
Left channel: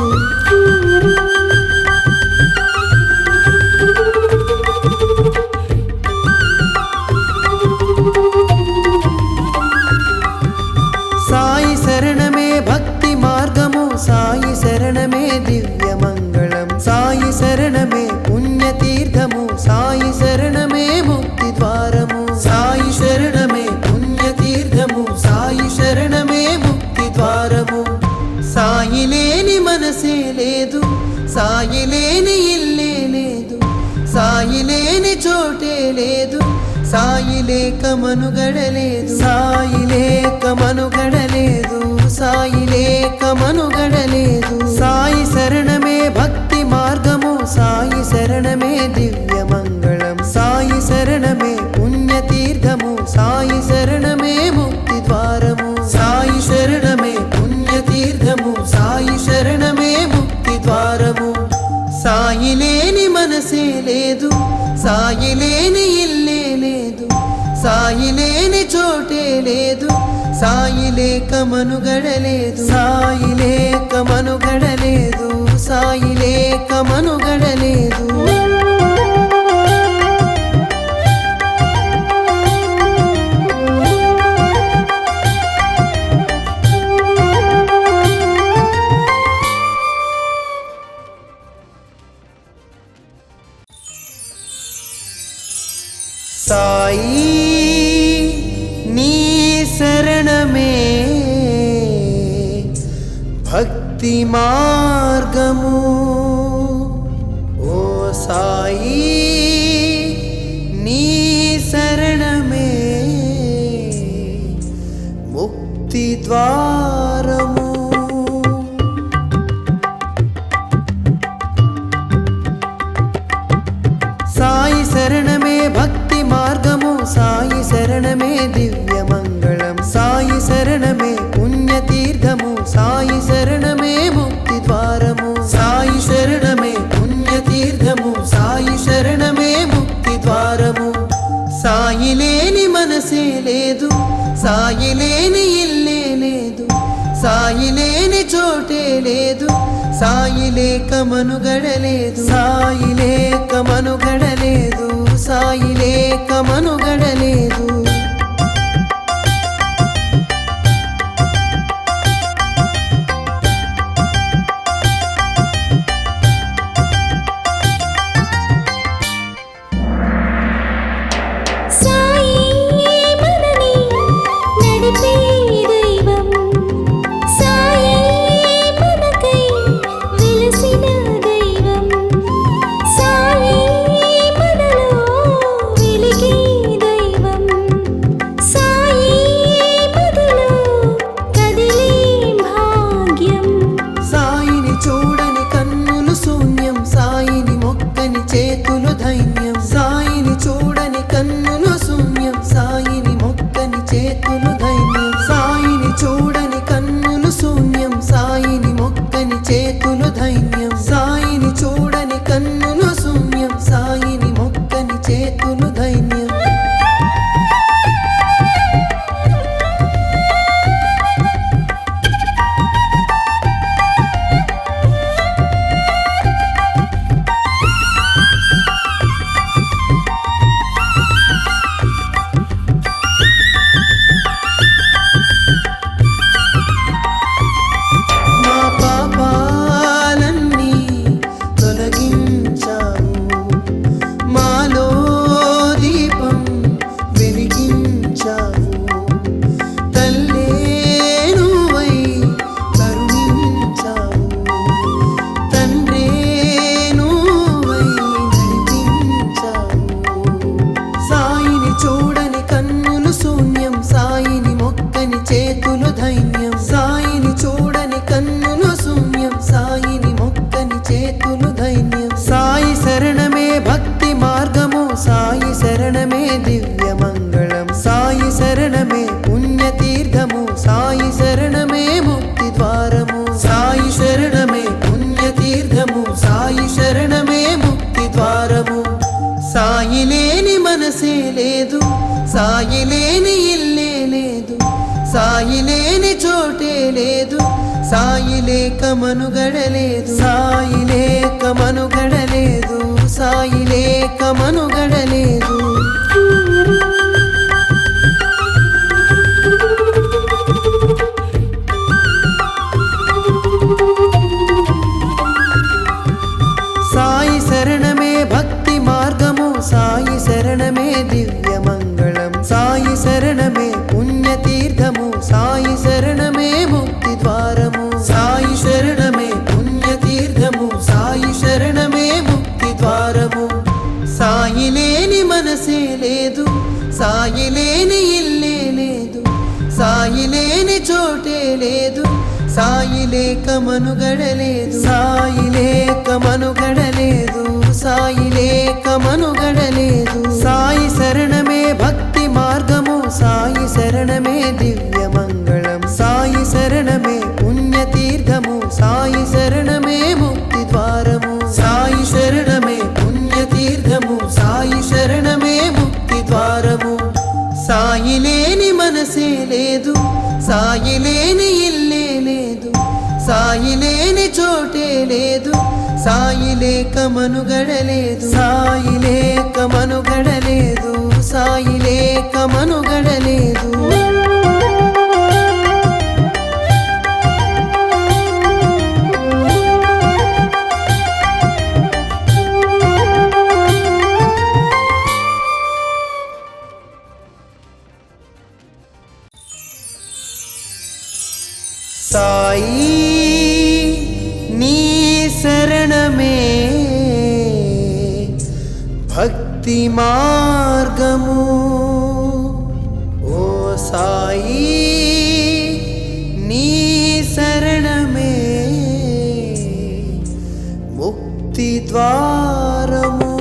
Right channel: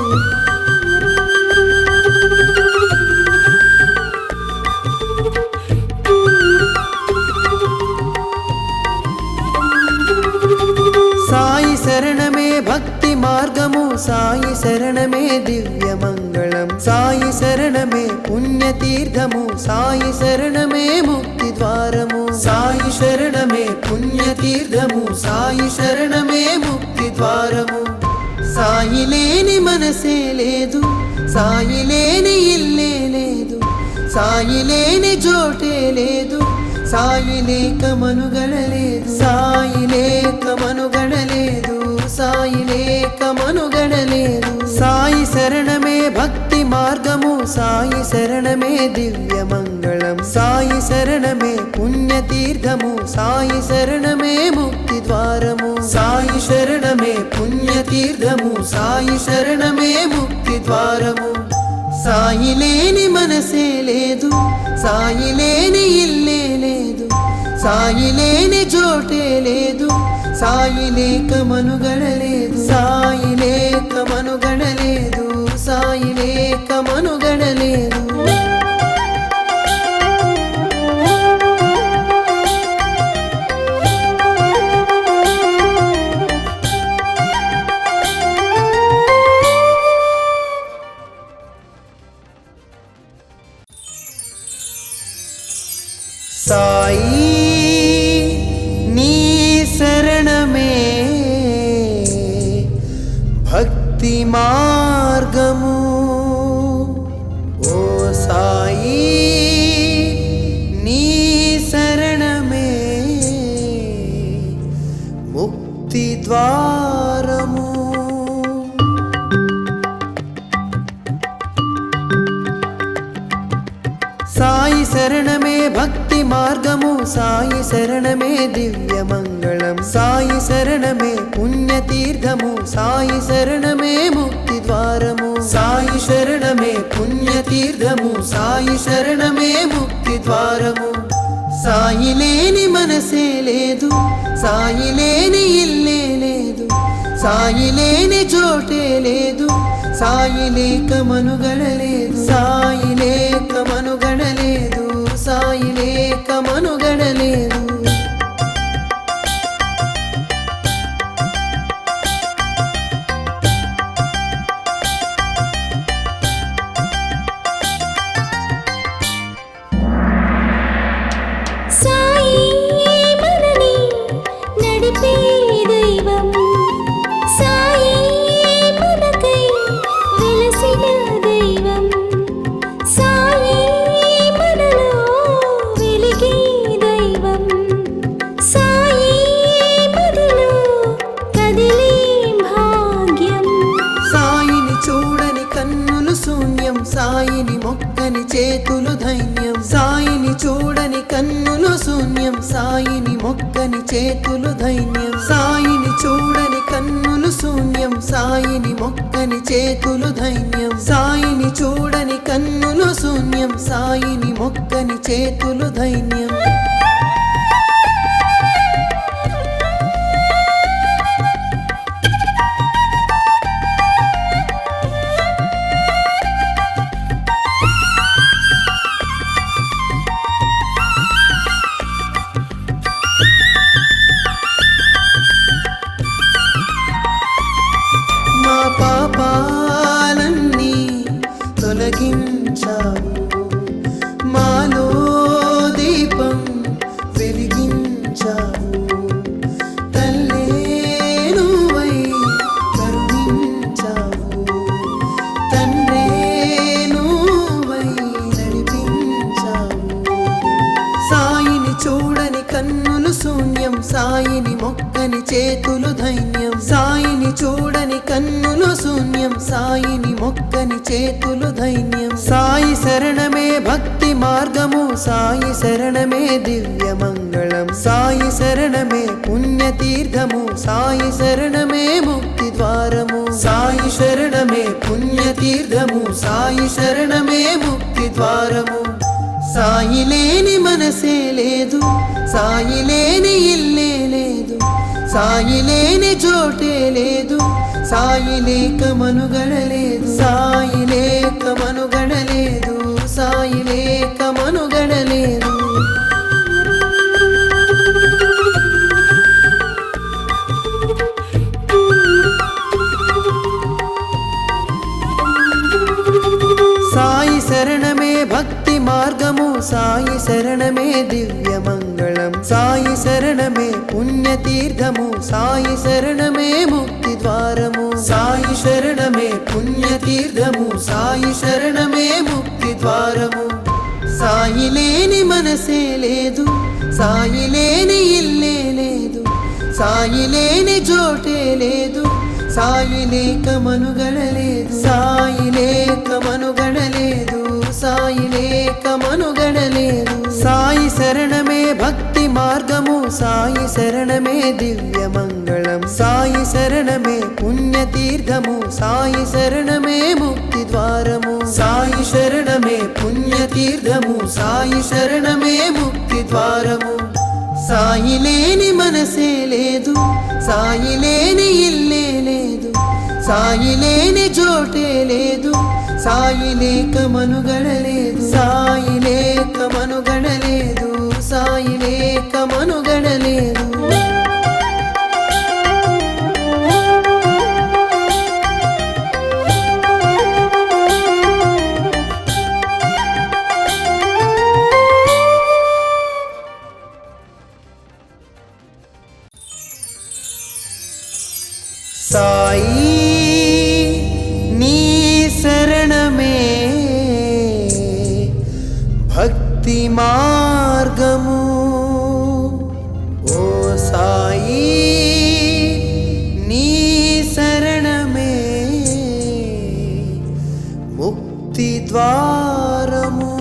సాయి శరణమే భక్తి మార్గము సాయి శరణమే దివ్య మంగళం సాయి శరణమే పుణ్యతీర్థము సాయి శరణమే ముక్తి ద్వారము సాయి శరణమే పుణ్యతీర్థము సాయి శరణమే ముక్తి ద్వారము సాయి లేని మనసే లేదు సాయి లేని ఇల్లే లేదు సాయి లేని చోటే లేదు సాయి లేక మనుగడలేదు సాయి లేక మనుగడలేదు సాయి లేక మనుగడలేదు సాయి శరణమే భక్తి మార్గము సాయి శరణమే దివ్య మంగళం సాయి శరణమే పుణ్యతీర్థము సాయి శరణమే ముక్తి ద్వారము సాయి శరణమే పుణ్యతీర్థము సాయి శరణమే ముక్తి ద్వారము సాయి లేని మనసే లేదు సాయి లేని ఇల్లే లేదు సాయి లేని చోటే లేదు సాయి లేక మనుగడలేదు సాయి లేక మనుగడలేదు సాయి లేక మనుగడలేదు భక్తి మార్గము ఓ సాయి నీ శరణమే ముక్తి ద్వారము సాయి శరణమే భక్తి మార్గము సాయి శరణమే దివ్య మంగళం సాయి శరణమే పుణ్యతీర్థము సాయి శరణమే ముక్తి ద్వారము సాయి శరణమే పుణ్యతీర్థము సాయి శరణమే ముక్తి ద్వారము సాయి లేని మనసే లేదు సాయి లేని ఇల్లే లేదు సాయి లేని చోటే లేదు సాయి లేక మనుగడలేదు సాయి లేక మనుగడలేదు సాయి లేక మనుగడలేదు సాయి మనని నడిపే దైవం సాయి మనకై వెలసిన దైవం సాయి మనలో వెలిగే దైవం సాయి మదిలో కదిలే భాగ్యం సాయిని చూడని కన్నులు శూన్యం సాయిని మొక్కని చేతులు ధైన్యం సాయిని చూడని కన్నులు శూన్యం సాయిని మొక్కని చేతులు ధైన్యం సాయిని చూడని కన్నులు శూన్యం సాయిని మొక్కని చేతులు ధైన్యం సాయిని చూడని కన్నులు శూన్యం సాయిని మొక్కని చేతులు ధైన్యం మా పాపాలన్నీ తొలగించావు మాలో దీపం వెలిగించావు తల్లే నువ్వై కరుణించావు తండ్రే నువ్వై నడిపించావు సాయిని చూడని కన్నులు శూన్యం సాయిని మొక్కని చేతులు ధైన్యం సాయిని చూడని కన్నులు శూన్యం సాయిని మొక్కని చేతులు ధైన్యం సాయి శరణమే భక్తి మార్గము సాయి శరణమే దివ్య మంగళం సాయి శరణమే పుణ్యతీర్థము సాయి శరణమే ముక్తి ద్వారము సాయి శరణమే పుణ్యతీర్థము సాయి శరణమే ముక్తి ద్వారము సాయి లేని మనసే లేదు సాయి లేని ఇల్లే లేదు సాయి లేని చోటే లేదు సాయి లేక మనుగడలేదు సాయి లేక మనుగడలేదు సాయి లేక మనుగడలేదు సాయి శరణమే భక్తి మార్గము సాయి శరణమే దివ్య మంగళం సాయి శరణమే పుణ్యతీర్థము సాయి శరణమే ముక్తి ద్వారము సాయి శరణమే పుణ్యతీర్థము సాయి శరణమే ముక్తి ద్వారము సాయి లేని మనసే లేదు సాయి లేని ఇల్లే లేదు సాయి లేని చోటే లేదు సాయి లేక మనుగడలేదు సాయి లేక మనుగడలేదు సాయి లేక మనుగడలేదు సాయి శరణమే భక్తి మార్గము సాయి శరణమే దివ్య మంగళం సాయి శరణమే పుణ్యతీర్థము సాయి శరణమే ముక్తి ద్వారము సాయి శరణమే పుణ్యతీర్థము సాయి శరణమే ముక్తి ద్వారము సాయి లేని మనసే లేదు సాయి లేని ఇల్లే లేదు సాయి లేని చోటే లేదు సాయి లేక మనుగడలేదు సాయి లేక మనుగడలేదు సాయి లేక మనుగడలేదు సాయి భక్తి మార్గము ఓ సాయి నీ శరణమే ముక్తి ద్వారము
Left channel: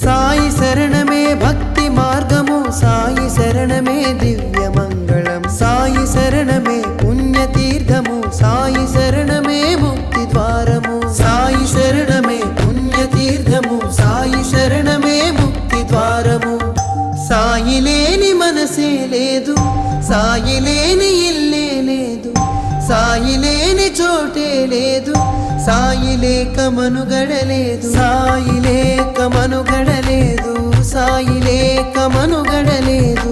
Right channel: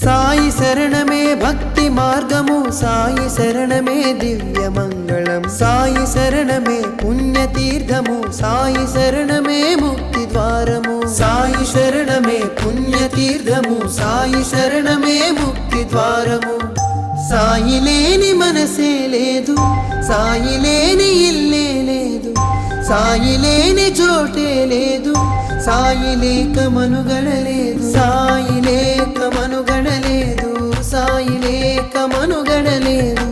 సాయి శరణమే భక్తి మార్గము సాయి శరణమే దివ్య మంగళం సాయి శరణమే పుణ్యతీర్థము సాయి శరణమే ముక్తి ద్వారము సాయి శరణమే పుణ్యతీర్థము సాయి శరణమే ముక్తి ద్వారము సాయి లేని మనసే లేదు సాయి లేని ఇల్లే లేదు సాయి లేని చోటే లేదు సాయి లేక మనుగడలేదు సాయి లేక మనుగడలేదు సాయి లేక మనుగడలేదు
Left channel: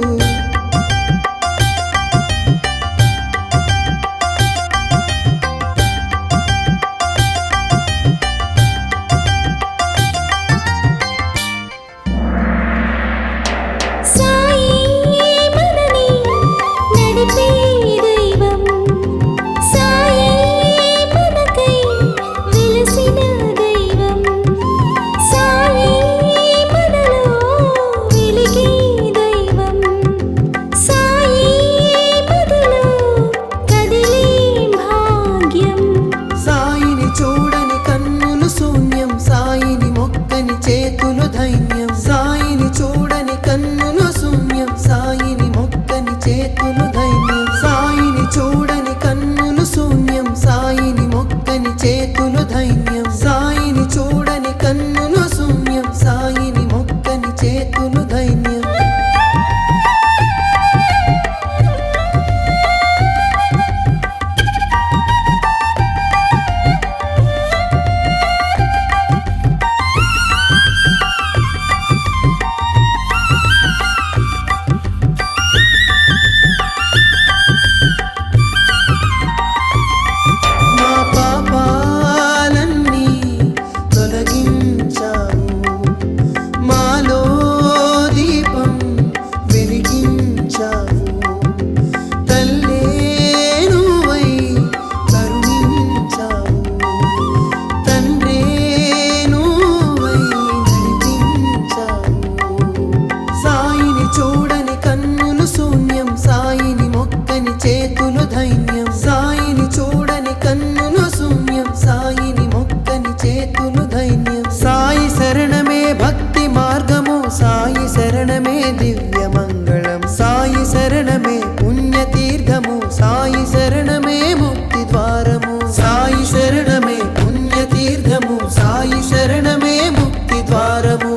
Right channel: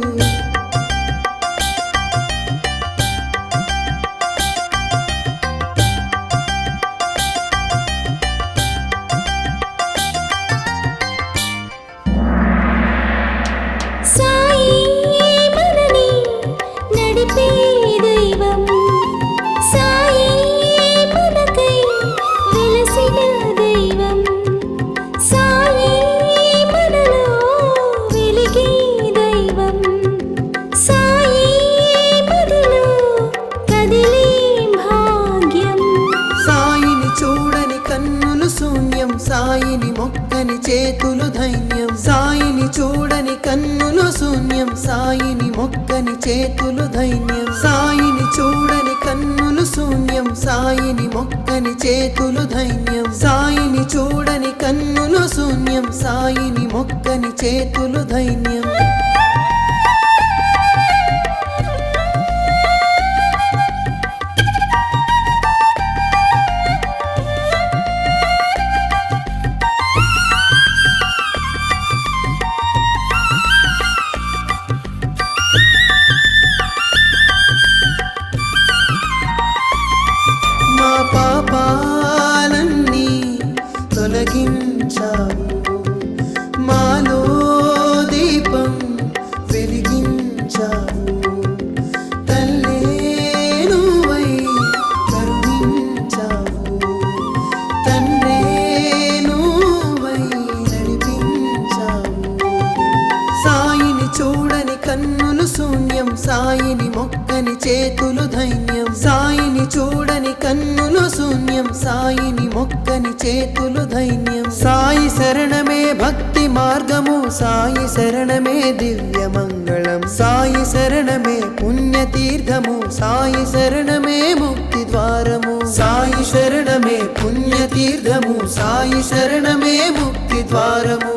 సాయి మనని నడిపే దైవం సాయి మనకై వెలసిన దైవం సాయి మనలో వెలిగే దైవం సాయి మదిలో కదిలే భాగ్యం సాయిని చూడని కన్నులు శూన్యం సాయిని మొక్కని చేతులు ధైన్యం సాయిని చూడని కన్నులు శూన్యం సాయిని మొక్కని చేతులు ధైన్యం సాయిని చూడని కన్నులు శూన్యం సాయిని మొక్కని చేతులు ధైన్యం సాయిని చూడని కన్నులు శూన్యం సాయిని మొక్కని చేతులు ధైన్యం మా పాపాలన్నీ తొలగించావు మాలో దీపం వెలిగించావు తల్లే నువ్వై కరుణించావు తండ్రే నువ్వై నడిపించావు సాయిని చూడని కన్నులు శూన్యం సాయిని మొక్కని చేతులు ధైన్యం సాయిని చూడని కన్నులు శూన్యం సాయిని మొక్కని చేతులు ధైన్యం సాయి శరణమే భక్తి మార్గము సాయి శరణమే దివ్య మంగళం సాయి శరణమే పుణ్యతీర్థము సాయి శరణమే ముక్తి ద్వారము సాయి శరణమే పుణ్యతీర్థము సాయి శరణమే ముక్తి ద్వారము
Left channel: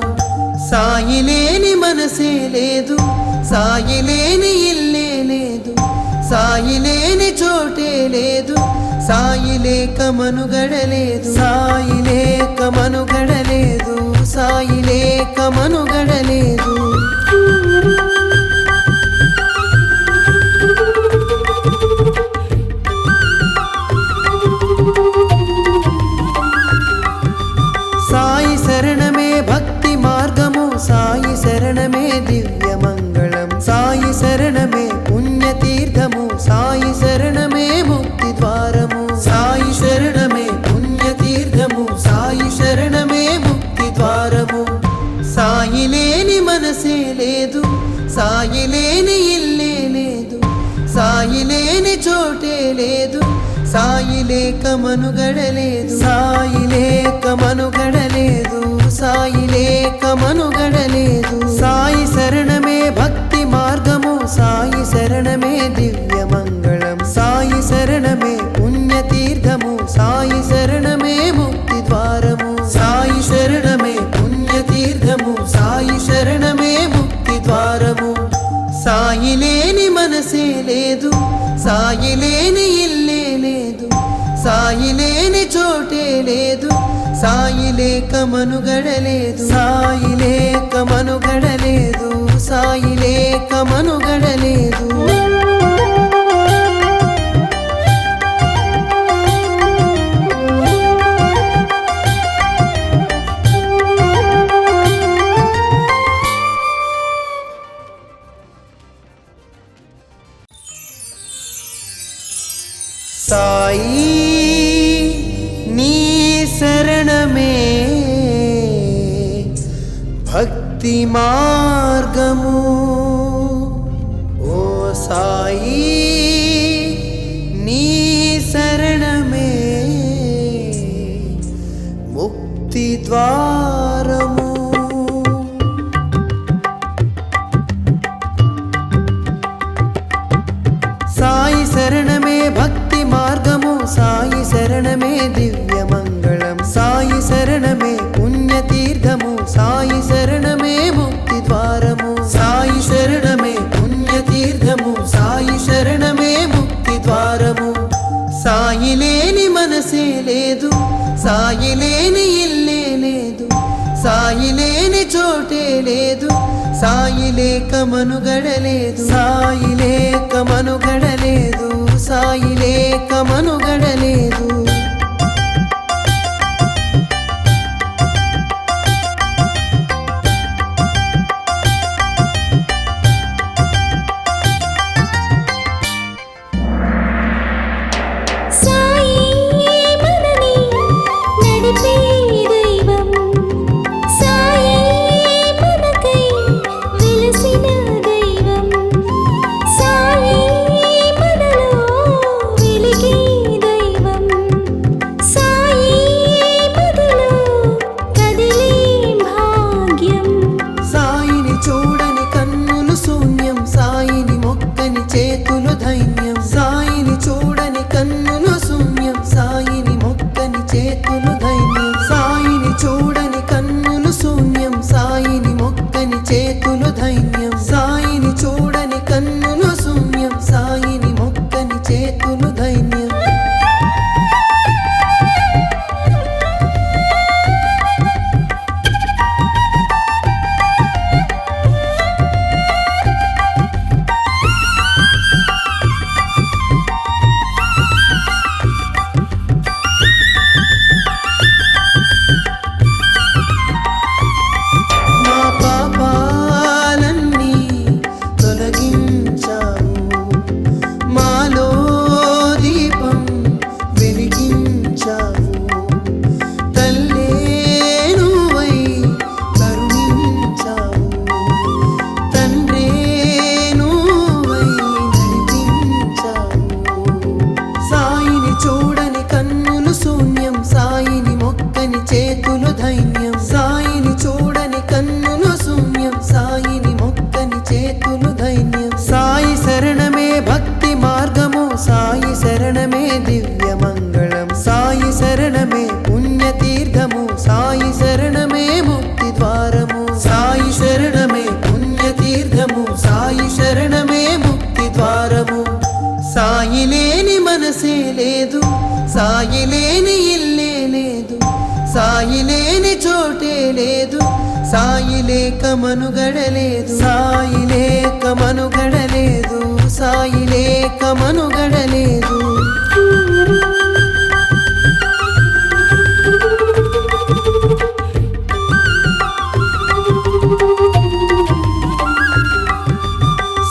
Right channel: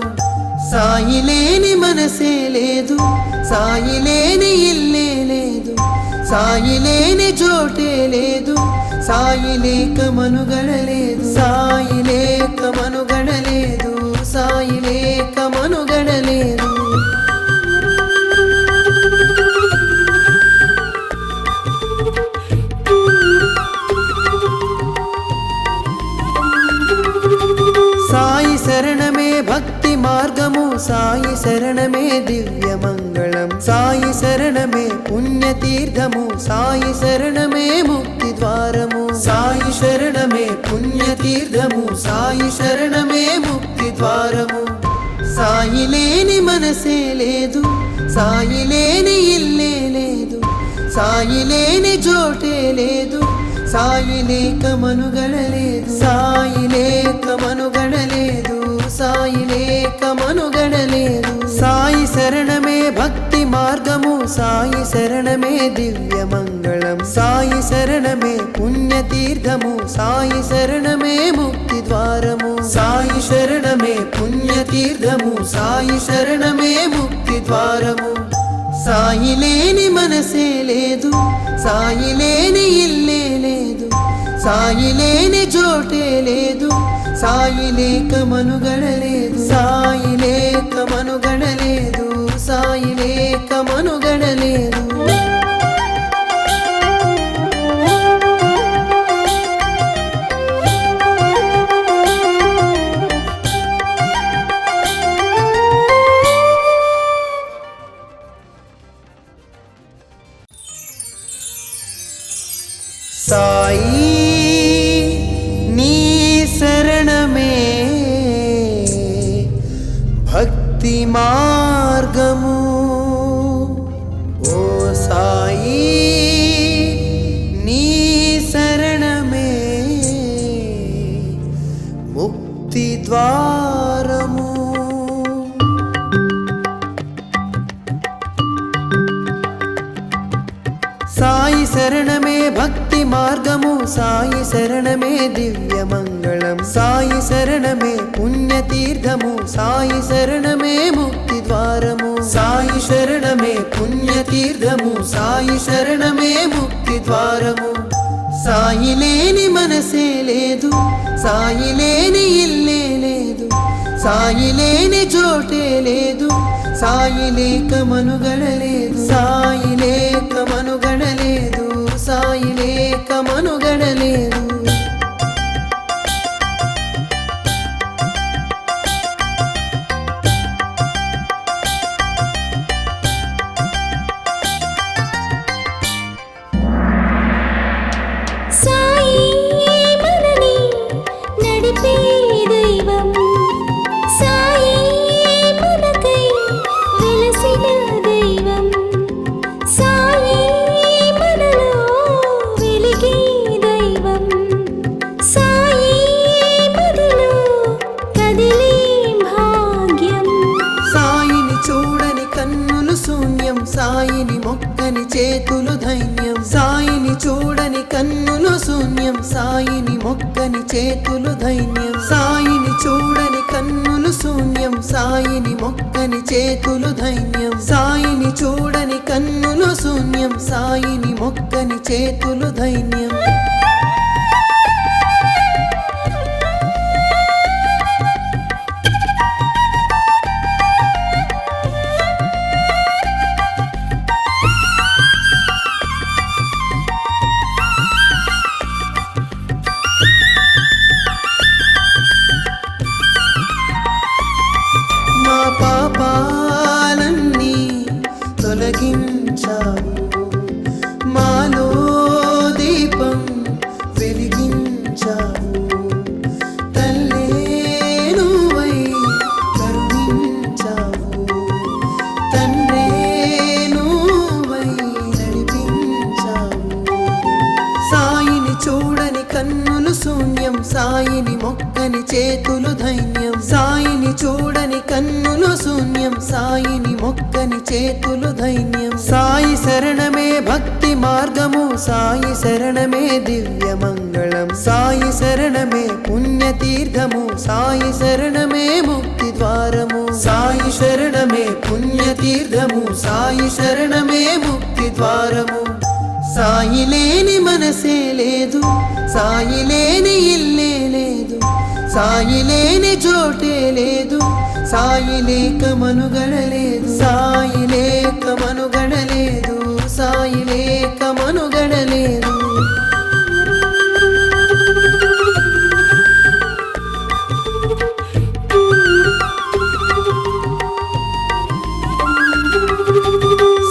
సాయి లేని మనసే లేదు సాయి లేని ఇల్లే లేదు సాయి లేని చోటే లేదు సాయి లేక మనుగడలేదు సాయి లేక మనుగడలేదు సాయి లేక మనుగడలేదు సాయి శరణమే భక్తి మార్గము సాయి శరణమే దివ్య మంగళం సాయి శరణమే పుణ్యతీర్థము సాయి శరణమే ముక్తి ద్వారము సాయి శరణమే పుణ్యతీర్థము సాయి శరణమే ముక్తి ద్వారము సాయి లేని మనసే లేదు సాయి లేని ఇల్లే లేదు సాయి లేని చోటే లేదు సాయి లేక మనుగడలేదు సాయి లేక మనుగడలేదు సాయి లేక మనుగడలేదు సాయి శరణమే భక్తి మార్గము సాయి శరణమే దివ్య మంగళం సాయి శరణమే పుణ్యతీర్థము సాయి శరణమే ముక్తి ద్వారము సాయి శరణమే పుణ్యతీర్థము సాయి శరణమే ముక్తి ద్వారము సాయి లేని మనసే లేదు సాయి లేని ఇల్లే లేదు సాయి లేని చోటే లేదు సాయి లేక మనుగడలేదు సాయి లేక మనుగడలేదు సాయి లేక మనుగడలేదు సాయి నీ శరణమే భక్తి మార్గము ఓ సాయి నీ శరణమే ముక్తి ద్వారము సాయి శరణమే భక్తి మార్గము సాయి శరణమే దివ్య మంగళం సాయి శరణమే పుణ్యతీర్థము సాయి శరణమే ముక్తి ద్వారము సాయి శరణమే పుణ్యతీర్థము సాయి శరణమే ముక్తి ద్వారము సాయి లేని మనసే లేదు సాయి లేని ఇల్లే లేదు సాయి లేని చోటే లేదు సాయి లేక మనుగడలేదు సాయి లేక మనుగడలేదు సాయి లేక మనుగడలేదు సాయి మనని నడిపే దైవం సాయి మనకై వెలసిన దైవం సాయి మనలో వెలిగే దైవం సాయి మదిలో కదిలే భాగ్యం సాయిని చూడని కన్నులు శూన్యం సాయిని మొక్కని చేతులు ధైన్యం సాయిని చూడని కన్నులు శూన్యం సాయిని మొక్కని చేతులు ధైన్యం సాయిని చూడని కన్నులు శూన్యం సాయిని మొక్కని చేతులు ధైన్యం సాయిని చూడని కన్నులు శూన్యం సాయిని మొక్కని చేతులు ధైన్యం మా పాపాలన్నీ తొలగించావు మాలో దీపం వెలిగించావు తల్లే నువ్వై కరుణించావు తండ్రే నువ్వై నడిపించావు సాయిని చూడని కన్నులు శూన్యం సాయిని మొక్కని చేతులు ధైన్యం సాయిని చూడని కన్నులు శూన్యం సాయిని మొక్కని చేతులు ధైన్యం సాయి శరణమే భక్తి మార్గము సాయి శరణమే దివ్య మంగళం సాయి శరణమే పుణ్యతీర్థము సాయి శరణమే ముక్తి ద్వారము సాయి శరణమే పుణ్యతీర్థము సాయి శరణమే ముక్తి ద్వారము సాయి లేని మనసే లేదు సాయి లేని ఇల్లే లేదు సాయి లేని చోటే లేదు సాయి లేక మనుగడలేదు సాయి లేక మనుగడలేదు సాయి లేక మనుగడలేదు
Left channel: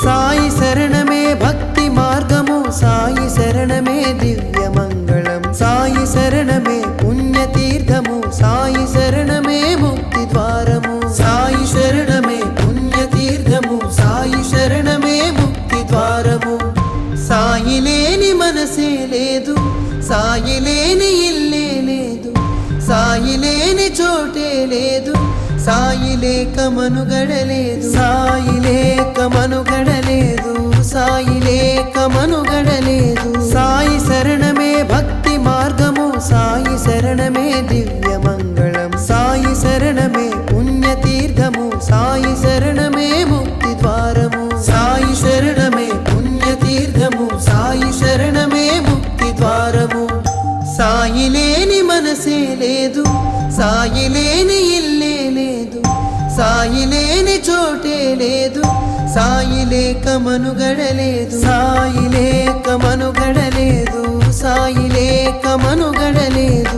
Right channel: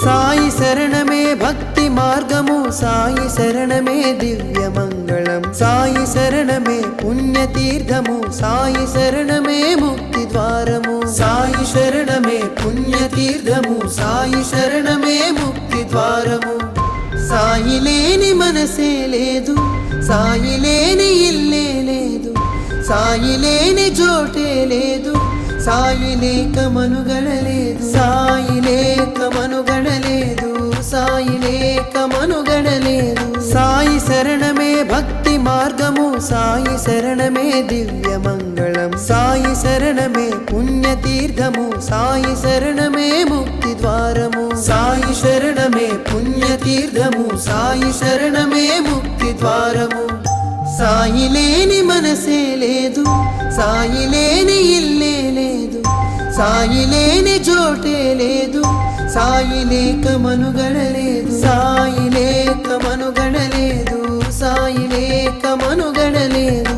సాయి శరణమే భక్తి మార్గము సాయి శరణమే దివ్య మంగళం సాయి శరణమే పుణ్యతీర్థము సాయి శరణమే ముక్తి ద్వారము సాయి శరణమే పుణ్యతీర్థము సాయి శరణమే ముక్తి ద్వారము సాయి లేని మనసే లేదు సాయి లేని ఇల్లే లేదు సాయి లేని చోటే లేదు సాయి లేక మనుగడలేదు సాయి లేక మనుగడలేదు సాయి లేక మనుగడలేదు సాయి శరణమే భక్తి మార్గము సాయి శరణమే దివ్య మంగళం సాయి శరణమే పుణ్యతీర్థము సాయి శరణమే ముక్తి ద్వారము సాయి శరణమే పుణ్యతీర్థము సాయి శరణమే ముక్తి ద్వారము సాయి లేని మనసే లేదు సాయి లేని ఇల్లే లేదు సాయి లేని చోటే లేదు సాయి లేక మనుగడలేదు సాయి లేక మనుగడలేదు సాయి లేక మనుగడలేదు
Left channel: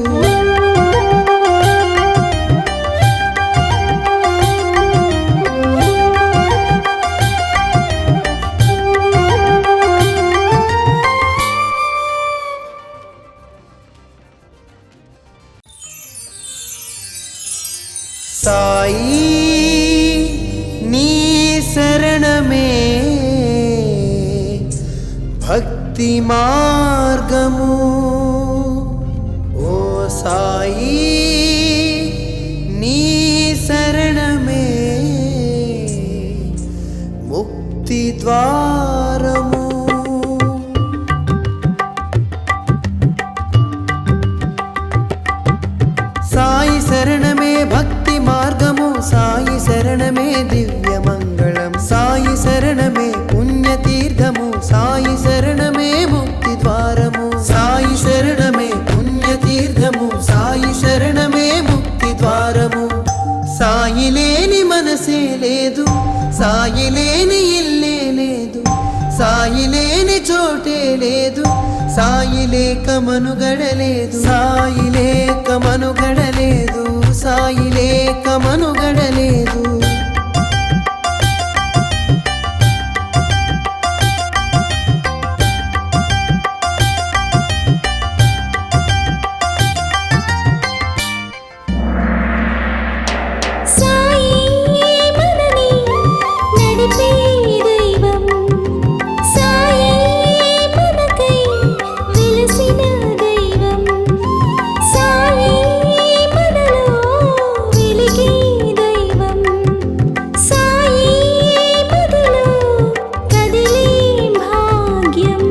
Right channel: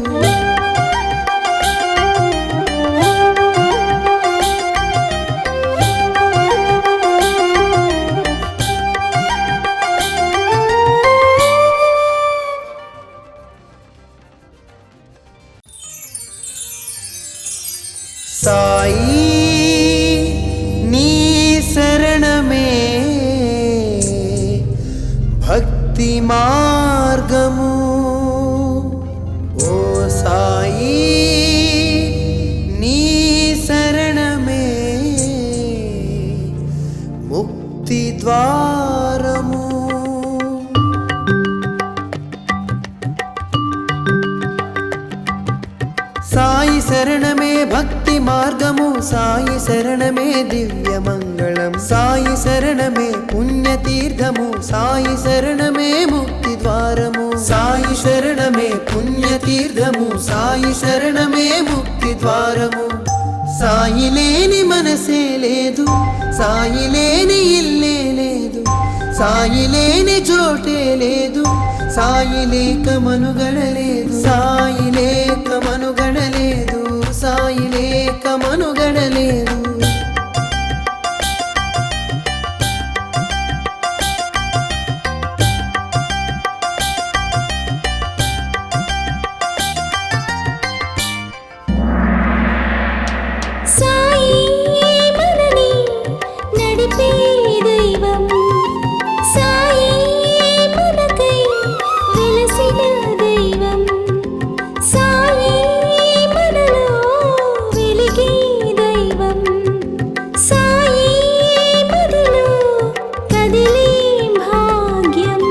సాయి నీ శరణమే భక్తి మార్గము ఓ సాయి నీ శరణమే ముక్తి ద్వారము సాయి శరణమే భక్తి మార్గము సాయి శరణమే దివ్య మంగళం సాయి శరణమే పుణ్యతీర్థము సాయి శరణమే ముక్తి ద్వారము సాయి శరణమే పుణ్యతీర్థము సాయి శరణమే ముక్తి ద్వారము సాయి లేని మనసే లేదు సాయి లేని ఇల్లే లేదు సాయి లేని చోటే లేదు సాయి లేక మనుగడలేదు సాయి లేక మనుగడలేదు సాయి లేక మనుగడలేదు సాయి మనని నడిపే దైవం సాయి మనకై వెలసిన దైవం సాయి మనలో వెలిగే దైవం సాయి మదిలో కదిలే భాగ్యం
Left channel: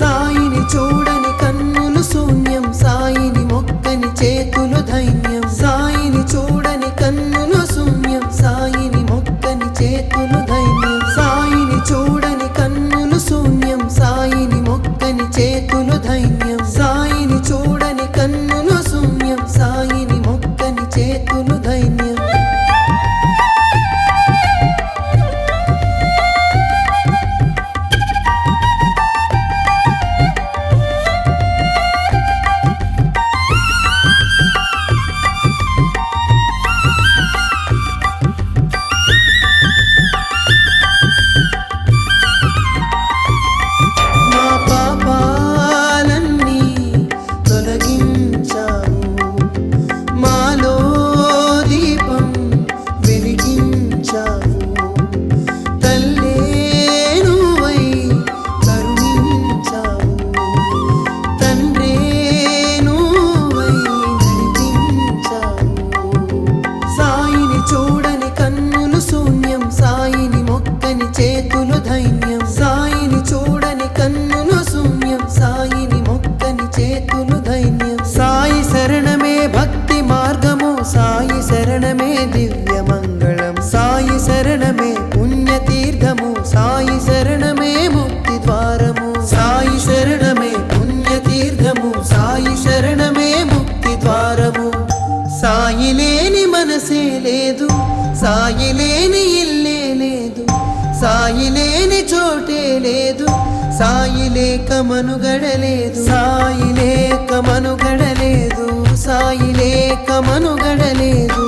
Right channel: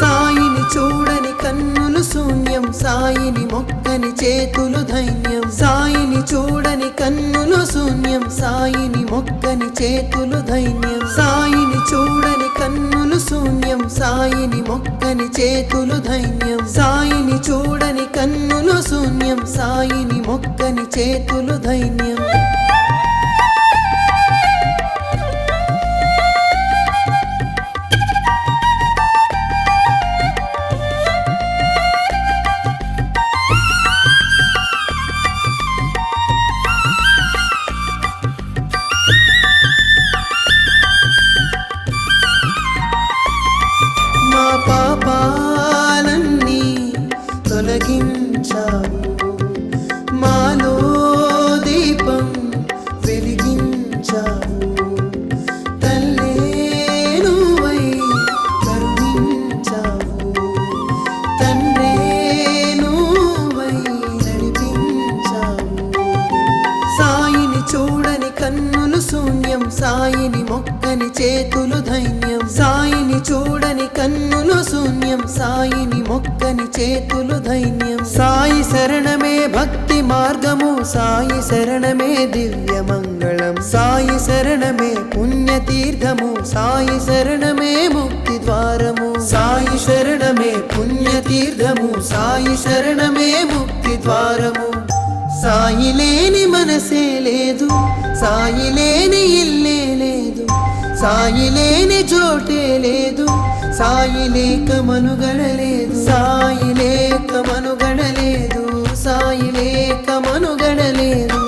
సాయిని చూడని కన్నులు శూన్యం సాయిని మొక్కని చేతులు ధైన్యం సాయిని చూడని కన్నులు శూన్యం సాయిని మొక్కని చేతులు ధైన్యం సాయిని చూడని కన్నులు శూన్యం సాయిని మొక్కని చేతులు ధైన్యం సాయిని చూడని కన్నులు శూన్యం సాయిని మొక్కని చేతులు ధైన్యం మా పాపాలన్నీ తొలగించావు మాలో దీపం వెలిగించావు తల్లే నువ్వై కరుణించావు తండ్రే నువ్వై నడిపించావు సాయిని చూడని కన్నులు శూన్యం సాయిని మొక్కని చేతులు ధైన్యం సాయిని చూడని కన్నులు శూన్యం సాయిని మొక్కని చేతులు ధైన్యం సాయి శరణమే భక్తి మార్గము సాయి శరణమే దివ్య మంగళం సాయి శరణమే పుణ్యతీర్థము సాయి శరణమే ముక్తి ద్వారము సాయి శరణమే పుణ్యతీర్థము సాయి శరణమే ముక్తి ద్వారము సాయి లేని మనసే లేదు సాయి లేని ఇల్లే లేదు సాయి లేని చోటే లేదు సాయి లేక మనుగడలేదు సాయి లేక మనుగడలేదు సాయి లేక మనుగడలేదు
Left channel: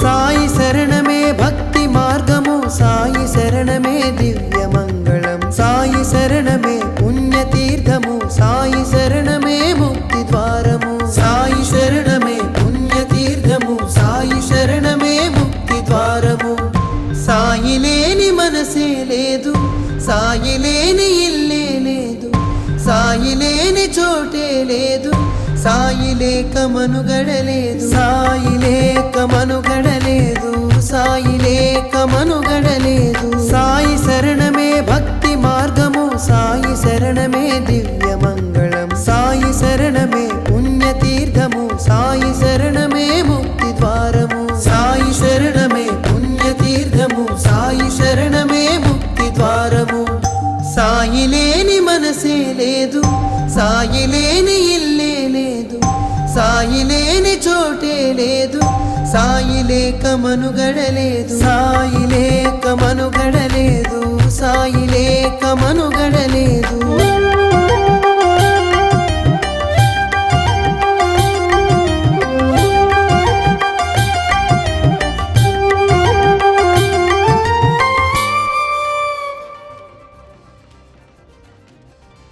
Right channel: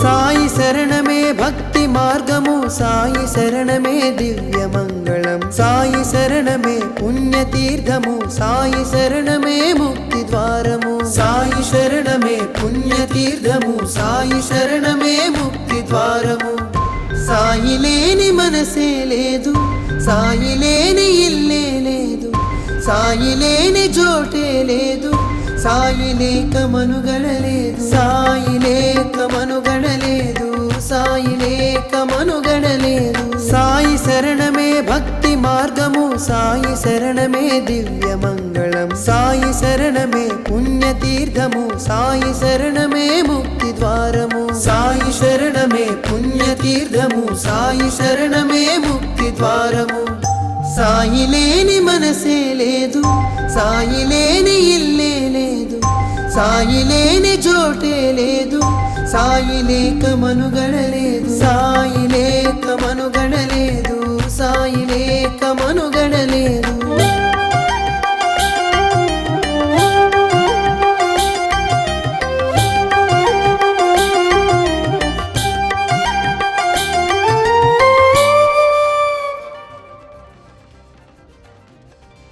సాయి శరణమే భక్తి మార్గము సాయి శరణమే దివ్య మంగళం సాయి శరణమే పుణ్యతీర్థము సాయి శరణమే ముక్తి ద్వారము సాయి శరణమే పుణ్యతీర్థము సాయి శరణమే ముక్తి ద్వారము సాయి లేని మనసే లేదు సాయి లేని ఇల్లే లేదు సాయి లేని చోటే లేదు సాయి లేక మనుగడలేదు సాయి లేక మనుగడలేదు సాయి లేక మనుగడలేదు సాయి శరణమే భక్తి మార్గము సాయి శరణమే దివ్య మంగళం సాయి శరణమే పుణ్యతీర్థము సాయి శరణమే ముక్తి ద్వారము సాయి శరణమే పుణ్యతీర్థము సాయి శరణమే ముక్తి ద్వారము సాయి లేని మనసే లేదు సాయి లేని ఇల్లే లేదు సాయి లేని చోటే లేదు సాయి లేక మనుగడలేదు సాయి లేక మనుగడలేదు సాయి లేక మనుగడలేదు